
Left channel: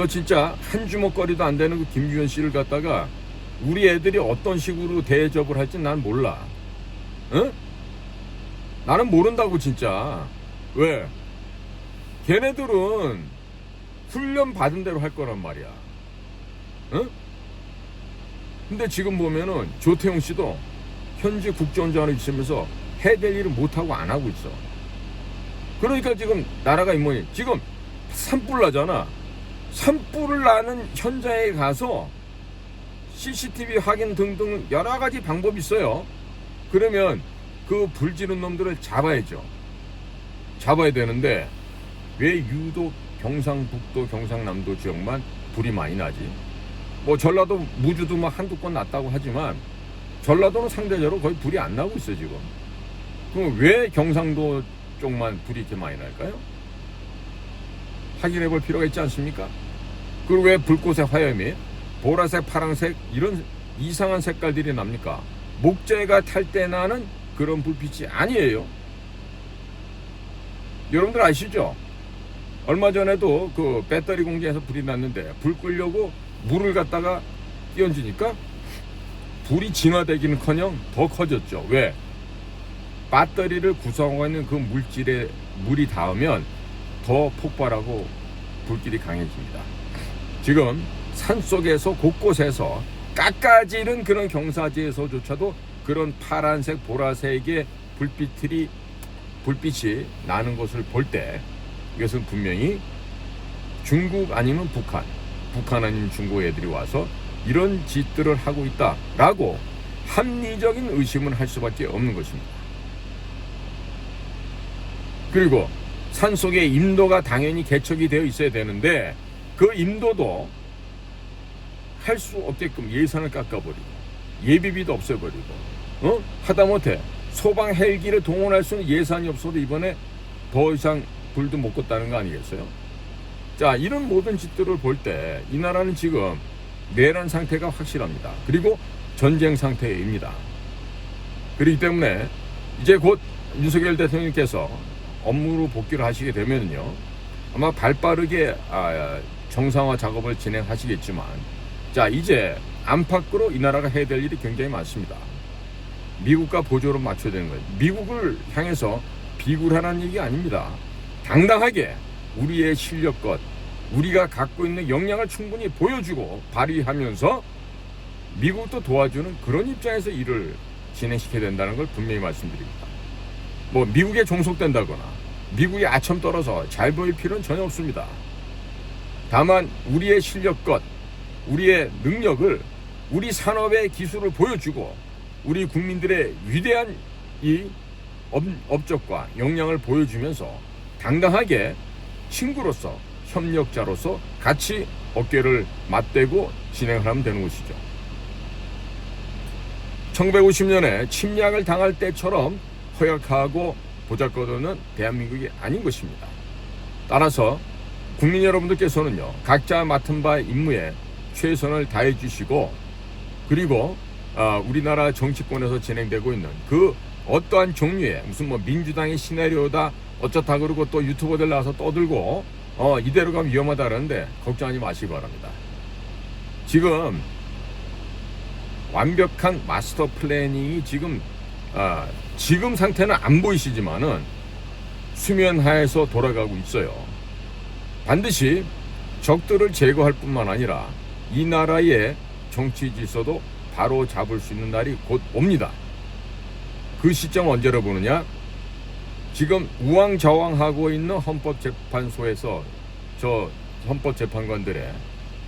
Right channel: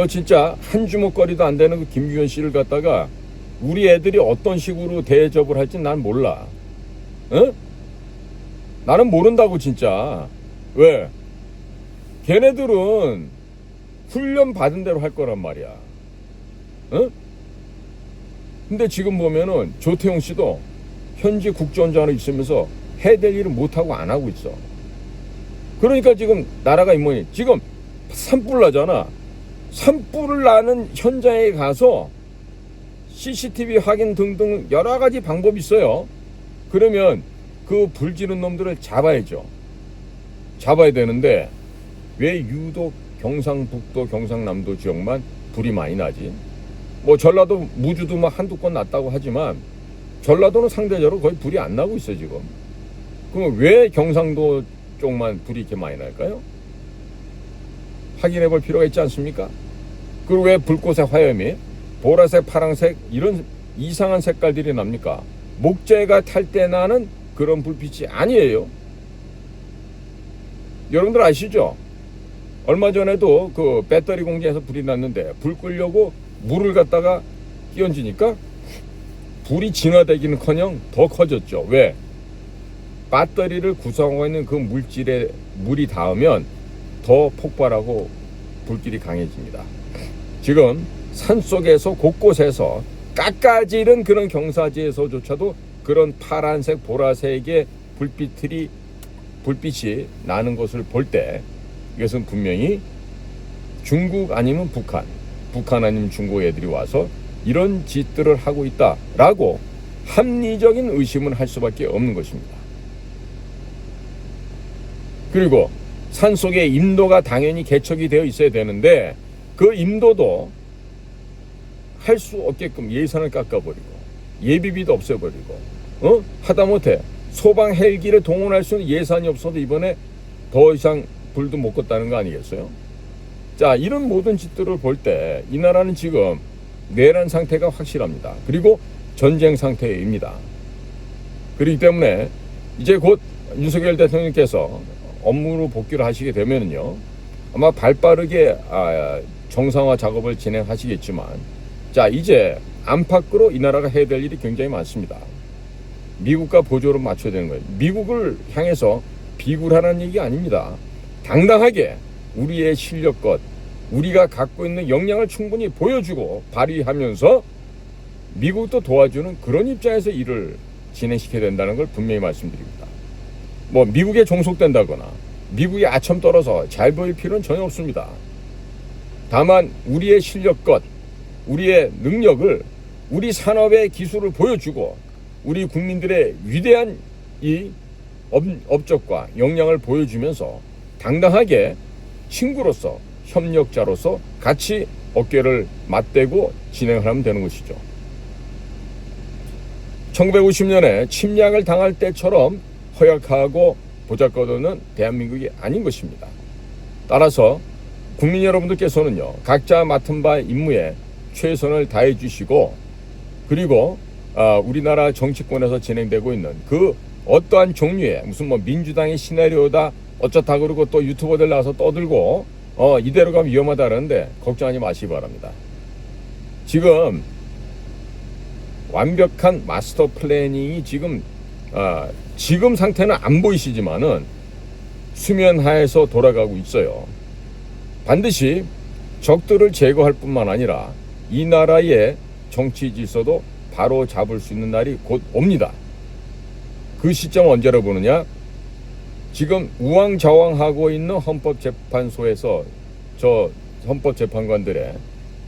진짜 한 주먹거리도 안 되는 그 김규현 씨를 갖다가 우리 애들이 어떤 식으로 대접을 할지 난 몰라. 나는 모른다고 진짜. 왜? 걔네들은 훈련 받은 대로 할 거란 말이야. 어? 근데 지금 보면은 조태용 씨도 현재 국정원장으로 있으면서 해야 될 일을 못하고 안 하고 있어. 그러니까 지금 나라가 뭐니? 지금 산불 나잖아. 산불을 나는 현장에 가서 CCTV 확인 등등 여러 가지 방법이 있어요. 그러면 그 불 지른 놈들을 잡아야죠. 잡아야 되는데 왜 유독 경상북도, 경상남도 지역만 불이 많이 나지? 뭐 전라도, 무주도 뭐 한두 건 났다고 하지만 전라도는 상대적으로 거의 불이 안 나고 있어 지금. 그럼 왜 경상도 쪽만 불이 이렇게 많이 날까요? 확인해 볼 필요가 있지 않습니까? 그리고 왜 불꽃의 화염이 보라색, 파란색 이런 이상한 색깔들이 납니까? 목재가 탈 때 나는 그런 불빛이 아니에요. 여러분들 아시죠? 얼마 전에도 그 배터리 공장에서 불이 났는데 불 끄려고 물을 갖다가 끼얹으니까 불이 진화되기는커녕 더 커졌죠. 왜? 배터리를 구성하고 있는 그 물질에 물이 닿으면 더 폭발하고 불길이 강해집니다. 지금 산속에서 곳곳에서 깎아지른 그런 경사지에서조차도 그런 파란색, 보라색의 불빛이 나는 것을 볼 때 이것은 분명히 중국 아니면 북한 아니면 중국 애들이 와서 이런 짓들을 하고 있다라고 합리적인 의심을 할 수밖에 없는 것입니다. 그리고 산속에 임도가 당연히 개척이 되어 있어야 되는데 그 임도도 할 수 없게끔 예산을 깎아버리고 예비비도 없애버리고 하다못해 소방 헬기를 동원할 수 있는 예산이 없어도 이번에 더 이상 불도 못 껐다는 거 아니겠어요? 자, 이런 모든 짓들을 볼 때 이 나라는 지금 내란 상태가 확실합니다. 그리고 전쟁 상태입니다. 그렇기 때문에 이제 곧 윤석열 대통령께서 업무로 복귀를 하시게 되면요, 아마 발빠르게 정상화 작업을 진행하시겠지만, 자, 이제 안팎으로 이 나라가 해야 될 일이 굉장히 많습니다. 미국과 보조를 맞춰야 되는 거예요. 미국을 향해서 비굴하는 얘기 아닙니다. 당당하게 우리의 실력껏 우리가 갖고 있는 역량을 충분히 보여주고 발휘하면서 미국도 도와주는 그런 입장에서 일을 진행시켜야 된다는 걸 분명히 말씀드립니다. 뭐 미국에 종속된다거나 미국이 아첨 떨어서 잘 보일 필요는 전혀 없습니다. 다만 우리의 실력껏 우리의 능력을, 우리 산업의 기술을 보여주고 우리 국민들의 위대한 이 업적과 역량을 보여주면서 당당하게 친구로서, 협력자로서 같이 어깨를 맞대고 진행하면 되는 것이죠. 1950년에 침략을 당할 때처럼 허약하고 보잘것없는 대한민국이 아닌 것입니다. 따라서 국민 여러분들께서는요, 각자 맡은 바 임무에 최선을 다해 주시고, 그리고 우리나라 정치권에서 진행되고 있는 그 어떠한 종류의 무슨 뭐 민주당의 시나리오다 어쩌다 그러고 또 유튜버들 나와서 떠들고 이대로 가면 위험하다 그러는데 걱정하지 마시기 바랍니다. 지금 완벽한 마스터 플래닝이 지금 상태는 안 보이시지만은 수면 하에서 돌아가고 있어요. 반드시 적들을 제거할 뿐만 아니라 이 나라의 정치 질서도 바로 잡을 수 있는 날이 곧 옵니다. 그 시점 언제로 보느냐? 지금 우왕좌왕하고 있는 헌법재판소에서 저 헌법재판관들의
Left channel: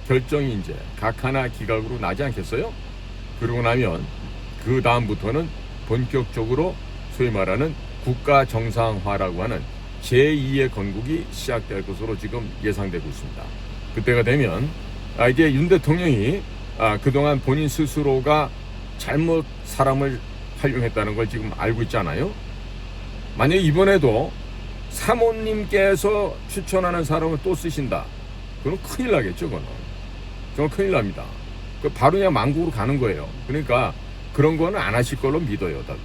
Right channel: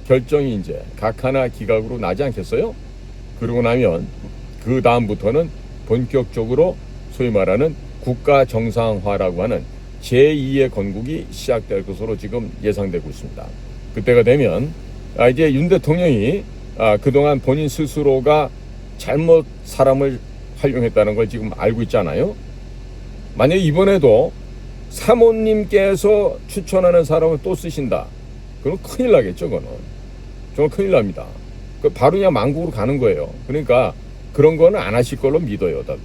결정이 이제 각 하나 기각으로 나지 않겠어요? 그러고 나면 그 다음부터는 본격적으로 소위 말하는 국가 정상화라고 하는 제2의 건국이 시작될 것으로 지금 예상되고 있습니다. 그때가 되면 이제 윤 대통령이 그동안 본인 스스로가 잘못 사람을 활용했다는 걸 지금 알고 있잖아요. 만약에 이번에도 사모님께서 추천하는 사람을 또 쓰신다, 그럼 큰일 나겠죠. 그거는 정말 큰일 납니다. 바로 그냥 망국으로 가는 거예요. 그러니까 그런 거는 안 하실 걸로 믿어요, 다들.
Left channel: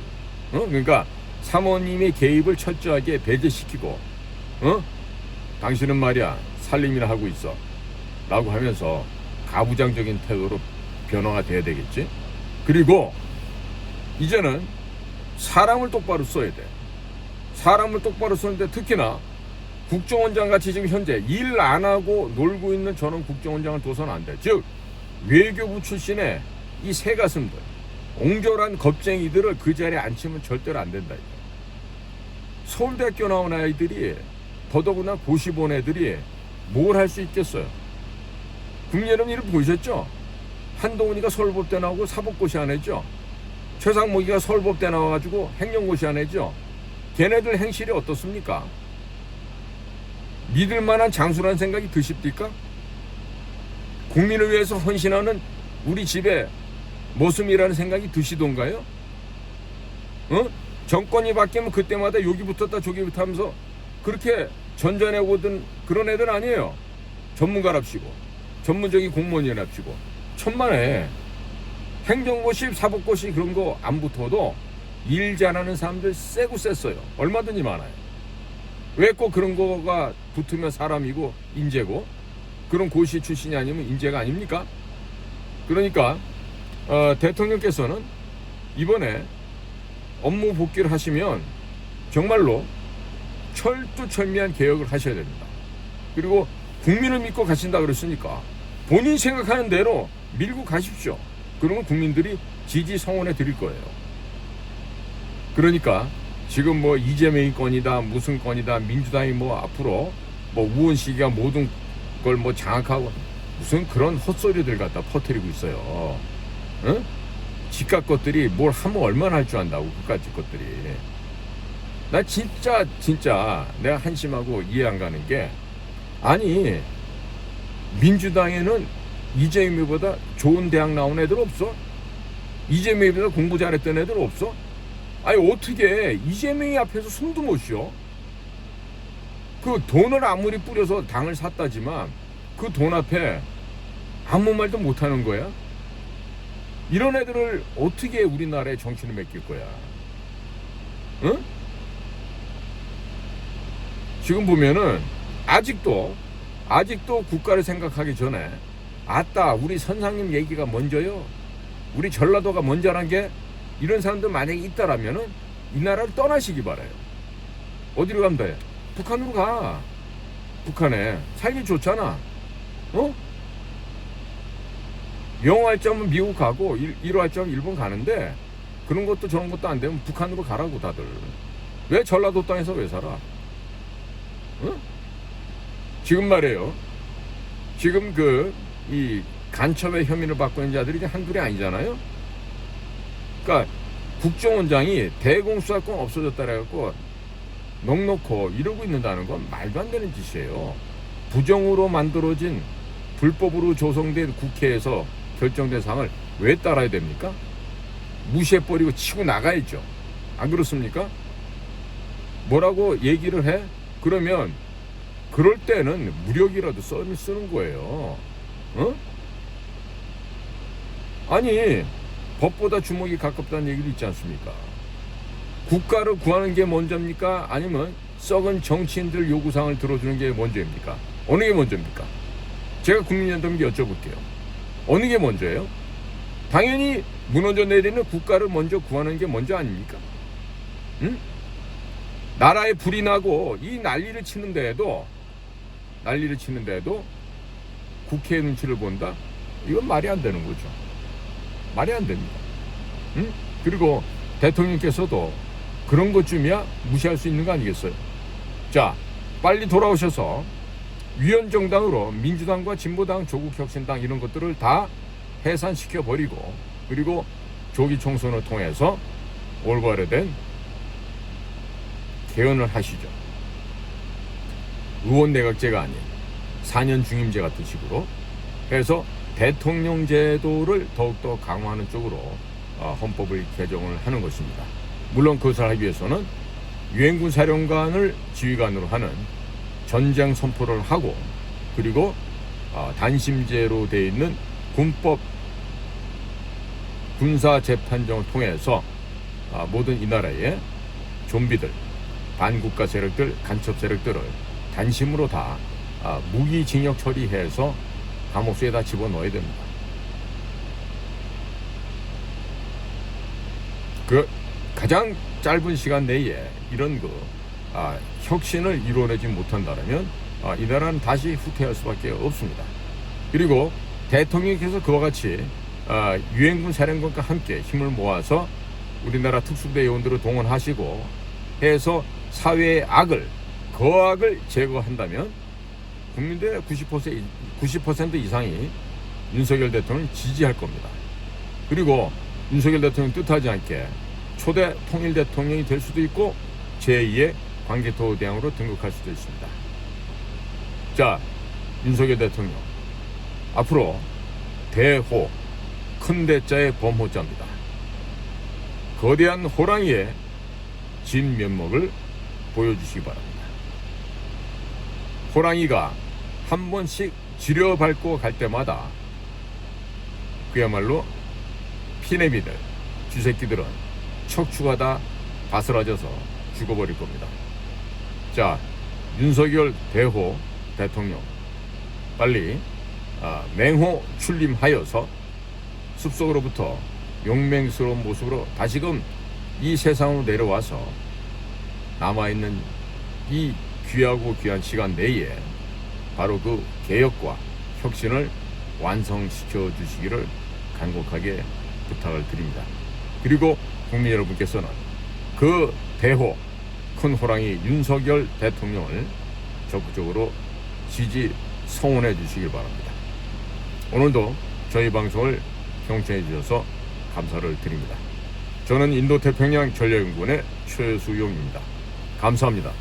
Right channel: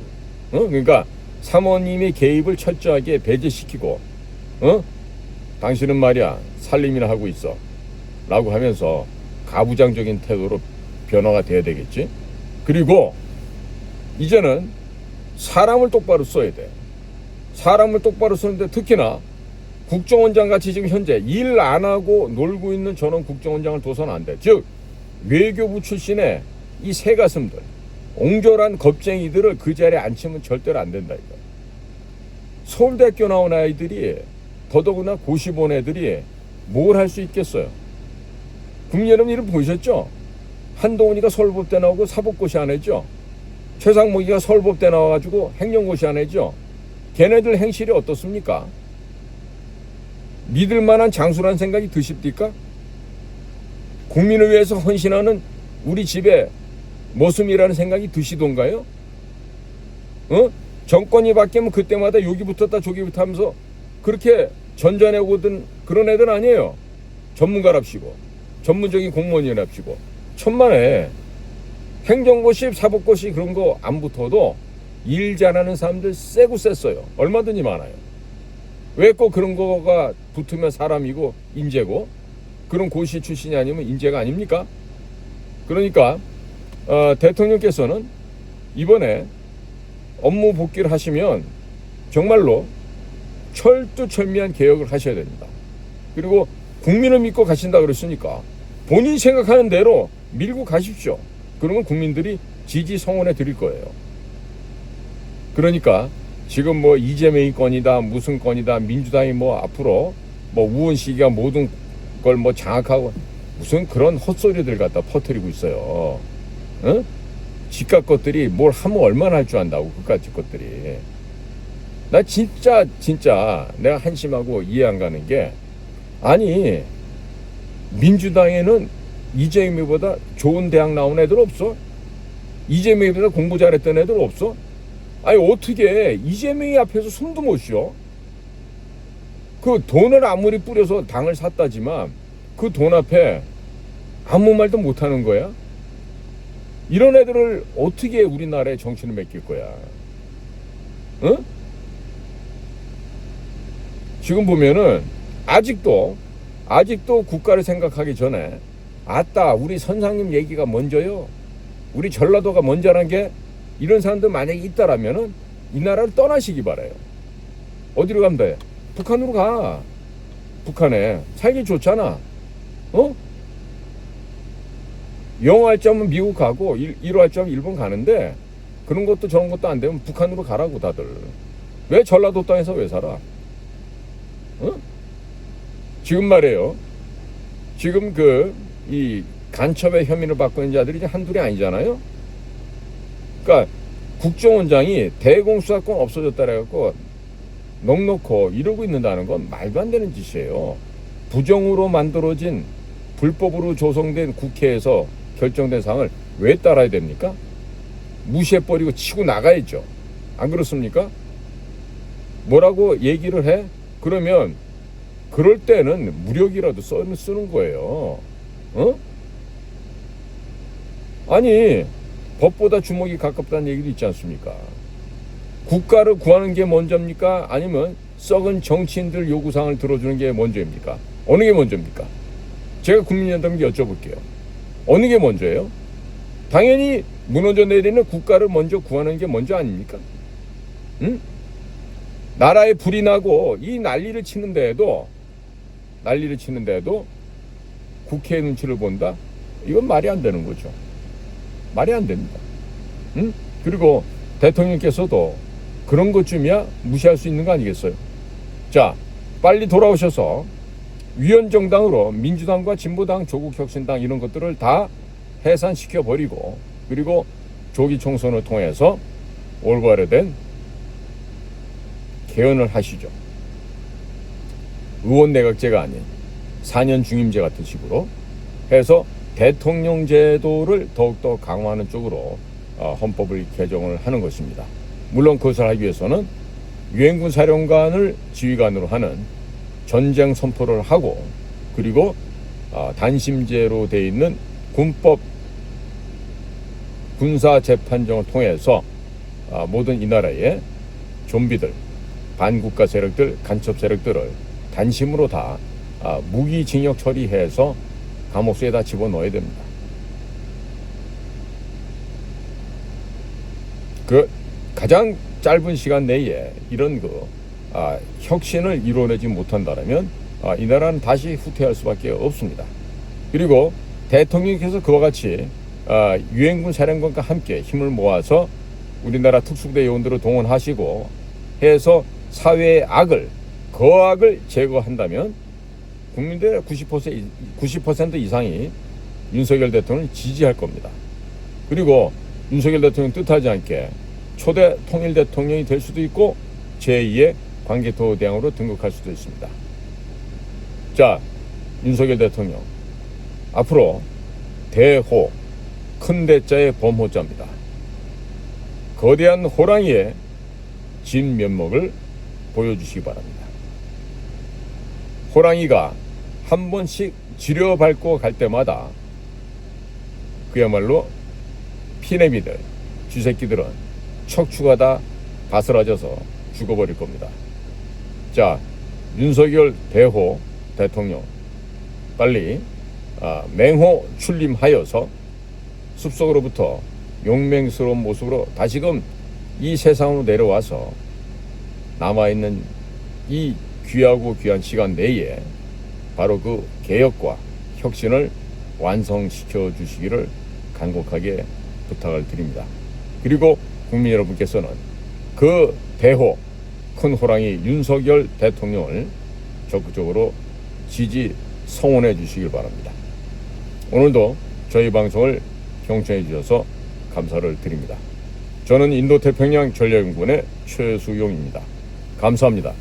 그러니까 사모님의 개입을 철저하게 배제시키고, 당신은 말이야 살림이나 하고 있어 라고 하면서 가부장적인 태도로 변화가 돼야 되겠지. 그리고 이제는 사람을 똑바로 써야 돼. 사람을 똑바로 쓰는데 특히나 국정원장 같이 지금 현재 일 안 하고 놀고 있는 저런 국정원장을 둬서는 안 돼. 즉 외교부 출신의 이 새가슴들, 옹졸한 겁쟁이들을 그 자리에 앉히면 절대로 안 된다. 이거. 서울대학교 나온 아이들이, 더더구나 고시 본 애들이 뭘 할 수 있겠어요? 국민 여러분 이름 보셨죠? 한동훈이가 서울법대 나오고 사법고시 안 했죠? 최상목이가 서울법대 나와가지고 행정고시 안 했죠? 걔네들 행실이 어떻습니까? 믿을 만한 장수라는 생각이 드십니까? 국민을 위해서 헌신하는 우리 집의 모습이라는 생각이 드시던가요? 정권이 바뀌면 그때마다 여기 붙었다 저기 붙었다 하면서 그렇게 전전해오던 그런 애들 아니에요. 전문가랍시고 전문적인 공무원이랍시고 천만에 행정고시 사법고시 그런 거 안 붙어도 일 잘하는 사람들 세고 셌어요. 얼마든지 많아요. 왜 꼭 그런 거가 붙으면 사람이고 인재고 그런 고시 출신이 아니면 인재가 아닙니까? 그러니까 대통령께서는 이번에 업무 복귀를 하시면 정말로 철두철미한 개혁을 하셔야 됩니다. 그리고 국민을 믿고 가신다 그랬으니까 본인이 생각하는 대로 밀고 가십시오. 그러면 국민들이 지지 성원해 드릴 거예요. 그러니까 지금 뭐 이재명이 건이다 무슨 건이다 민주당이 뭐 앞으로 뭐 우원식이가 모든 걸 뭐 장악하고 무슨 그런 헛소리들 갖다 퍼뜨리고 있어요. 응? 지각 것들이 뭘 하면 얼마나 할 줄 안다고 그까짓 것들이. 나 진짜 내가 한심하고 이해 안 가는 게 아니 민주당에는 이재명보다 좋은 대학 나온 애들 없어? 이재명보다 공부 잘했던 애들 없어? 아니 어떻게 이재명이 앞에서 숨도 못 쉬어? 그 돈을 아무리 뿌려서 당을 샀다지만 그 돈 앞에 아무 말도 못하는 거야? 이런 애들을 어떻게 우리나라의 정치를 맡길 거야? 응? 지금 보면은 아직도 국가를 생각하기 전에 아따 우리 선상님 얘기가 먼저요. 우리 전라도가 먼저란 게 이런 사람들 만약에 있다라면은 이 나라를 떠나시기 바라요. 어디로 간대? 북한으로 가. 북한에 살기 좋잖아. 영어 할 점은 미국 가고 일어 할 점은 일본 가는데 그런 것도 저런 것도 안 되면 북한으로 가라고 다들. 왜 전라도 땅에서 왜 살아? 지금 말이에요. 지금 이 간첩의 혐의를 받고 있는 자들이 이제 한둘이 아니잖아요. 그러니까 국정원장이 대공수사권 없어졌다 그래갖고 넉넉고 이러고 있는다는 건 말도 안 되는 짓이에요. 부정으로 만들어진 불법으로 조성된 국회에서 결정된 사항을 왜 따라야 됩니까? 무시해버리고 치고 나가야죠. 안 그렇습니까? 뭐라고 얘기를 해? 그러면 그럴 때는 무력이라도 쓰는 거예요. 아니 법보다 주먹이 가깝다는 얘기도 있지 않습니까? 국가를 구하는 게 먼저입니까? 아니면 썩은 정치인들 요구사항을 들어주는 게 먼저입니까? 어느 게 먼저입니까? 제가 국민연답에게 여쭤볼게요. 어느 게 먼저예요? 당연히 무너져 내리는 국가를 먼저 구하는 게 먼저 아닙니까? 응? 나라에 불이 나고 이 난리를 치는데도 국회의 눈치를 본다? 이건 말이 안 되는 거죠. 말이 안 됩니다. 응? 그리고 대통령께서도 그런 것쯤이야 무시할 수 있는 거 아니겠어요? 자, 빨리 돌아오셔서 위원정당으로 민주당과 진보당, 조국혁신당 이런 것들을 다 해산시켜버리고 그리고 조기 총선을 통해서 올바르된 개헌을 하시죠. 의원내각제가 아닌 4년 중임제 같은 식으로 해서 대통령 제도를 더욱더 강화하는 쪽으로 헌법을 개정을 하는 것입니다. 물론 그것을 하기 위해서는 유엔군 사령관을 지휘관으로 하는 전쟁 선포를 하고 그리고 단심제로 되어 있는 군법 군사재판정을 통해서 모든 이 나라의 좀비들, 반국가 세력들, 간첩 세력들을 단심으로 다 무기징역 처리해서 감옥수에다 집어넣어야 됩니다. 그 가장 짧은 시간 내에 이런 혁신을 이뤄내지 못한다면 이 나라는 다시 후퇴할 수밖에 없습니다. 그리고 대통령께서 그와 같이 유엔군 사령관과 함께 힘을 모아서 우리나라 특수부대 요원들을 동원하시고 해서 사회의 거악을 제거한다면 국민들의 90% 이상이 윤석열 대통령을 지지할 겁니다. 그리고 윤석열 대통령 뜻하지 않게 초대 통일 대통령이 될 수도 있고 제2의 광개토대왕으로 등극할 수도 있습니다. 자, 윤석열 대통령 앞으로 대호, 큰 대자의 범호자입니다. 거대한 호랑이의 진면목을 보여주시기 바랍니다. 호랑이가 한 번씩 지려밟고 갈 때마다 그야말로 피내미들, 쥐새끼들은 척추가 다 바스라져서 죽어버릴 겁니다. 자, 윤석열 대호 대통령 빨리 맹호 출림하여서 숲속으로부터 용맹스러운 모습으로 다시금 이 세상으로 내려와서 남아있는 이 귀하고 귀한 시간 내에 바로 그 개혁과 혁신을 완성시켜 주시기를 간곡하게 부탁을 드립니다. 그리고 국민 여러분께서는 그 대호, 큰 호랑이 윤석열 대통령을 적극적으로 지지 성원해 주시길 바랍니다. 오늘도 저희 방송을 경청해 주셔서 감사를 드립니다. 저는 인도태평양 전략연구원의 최수용입니다. 감사합니다.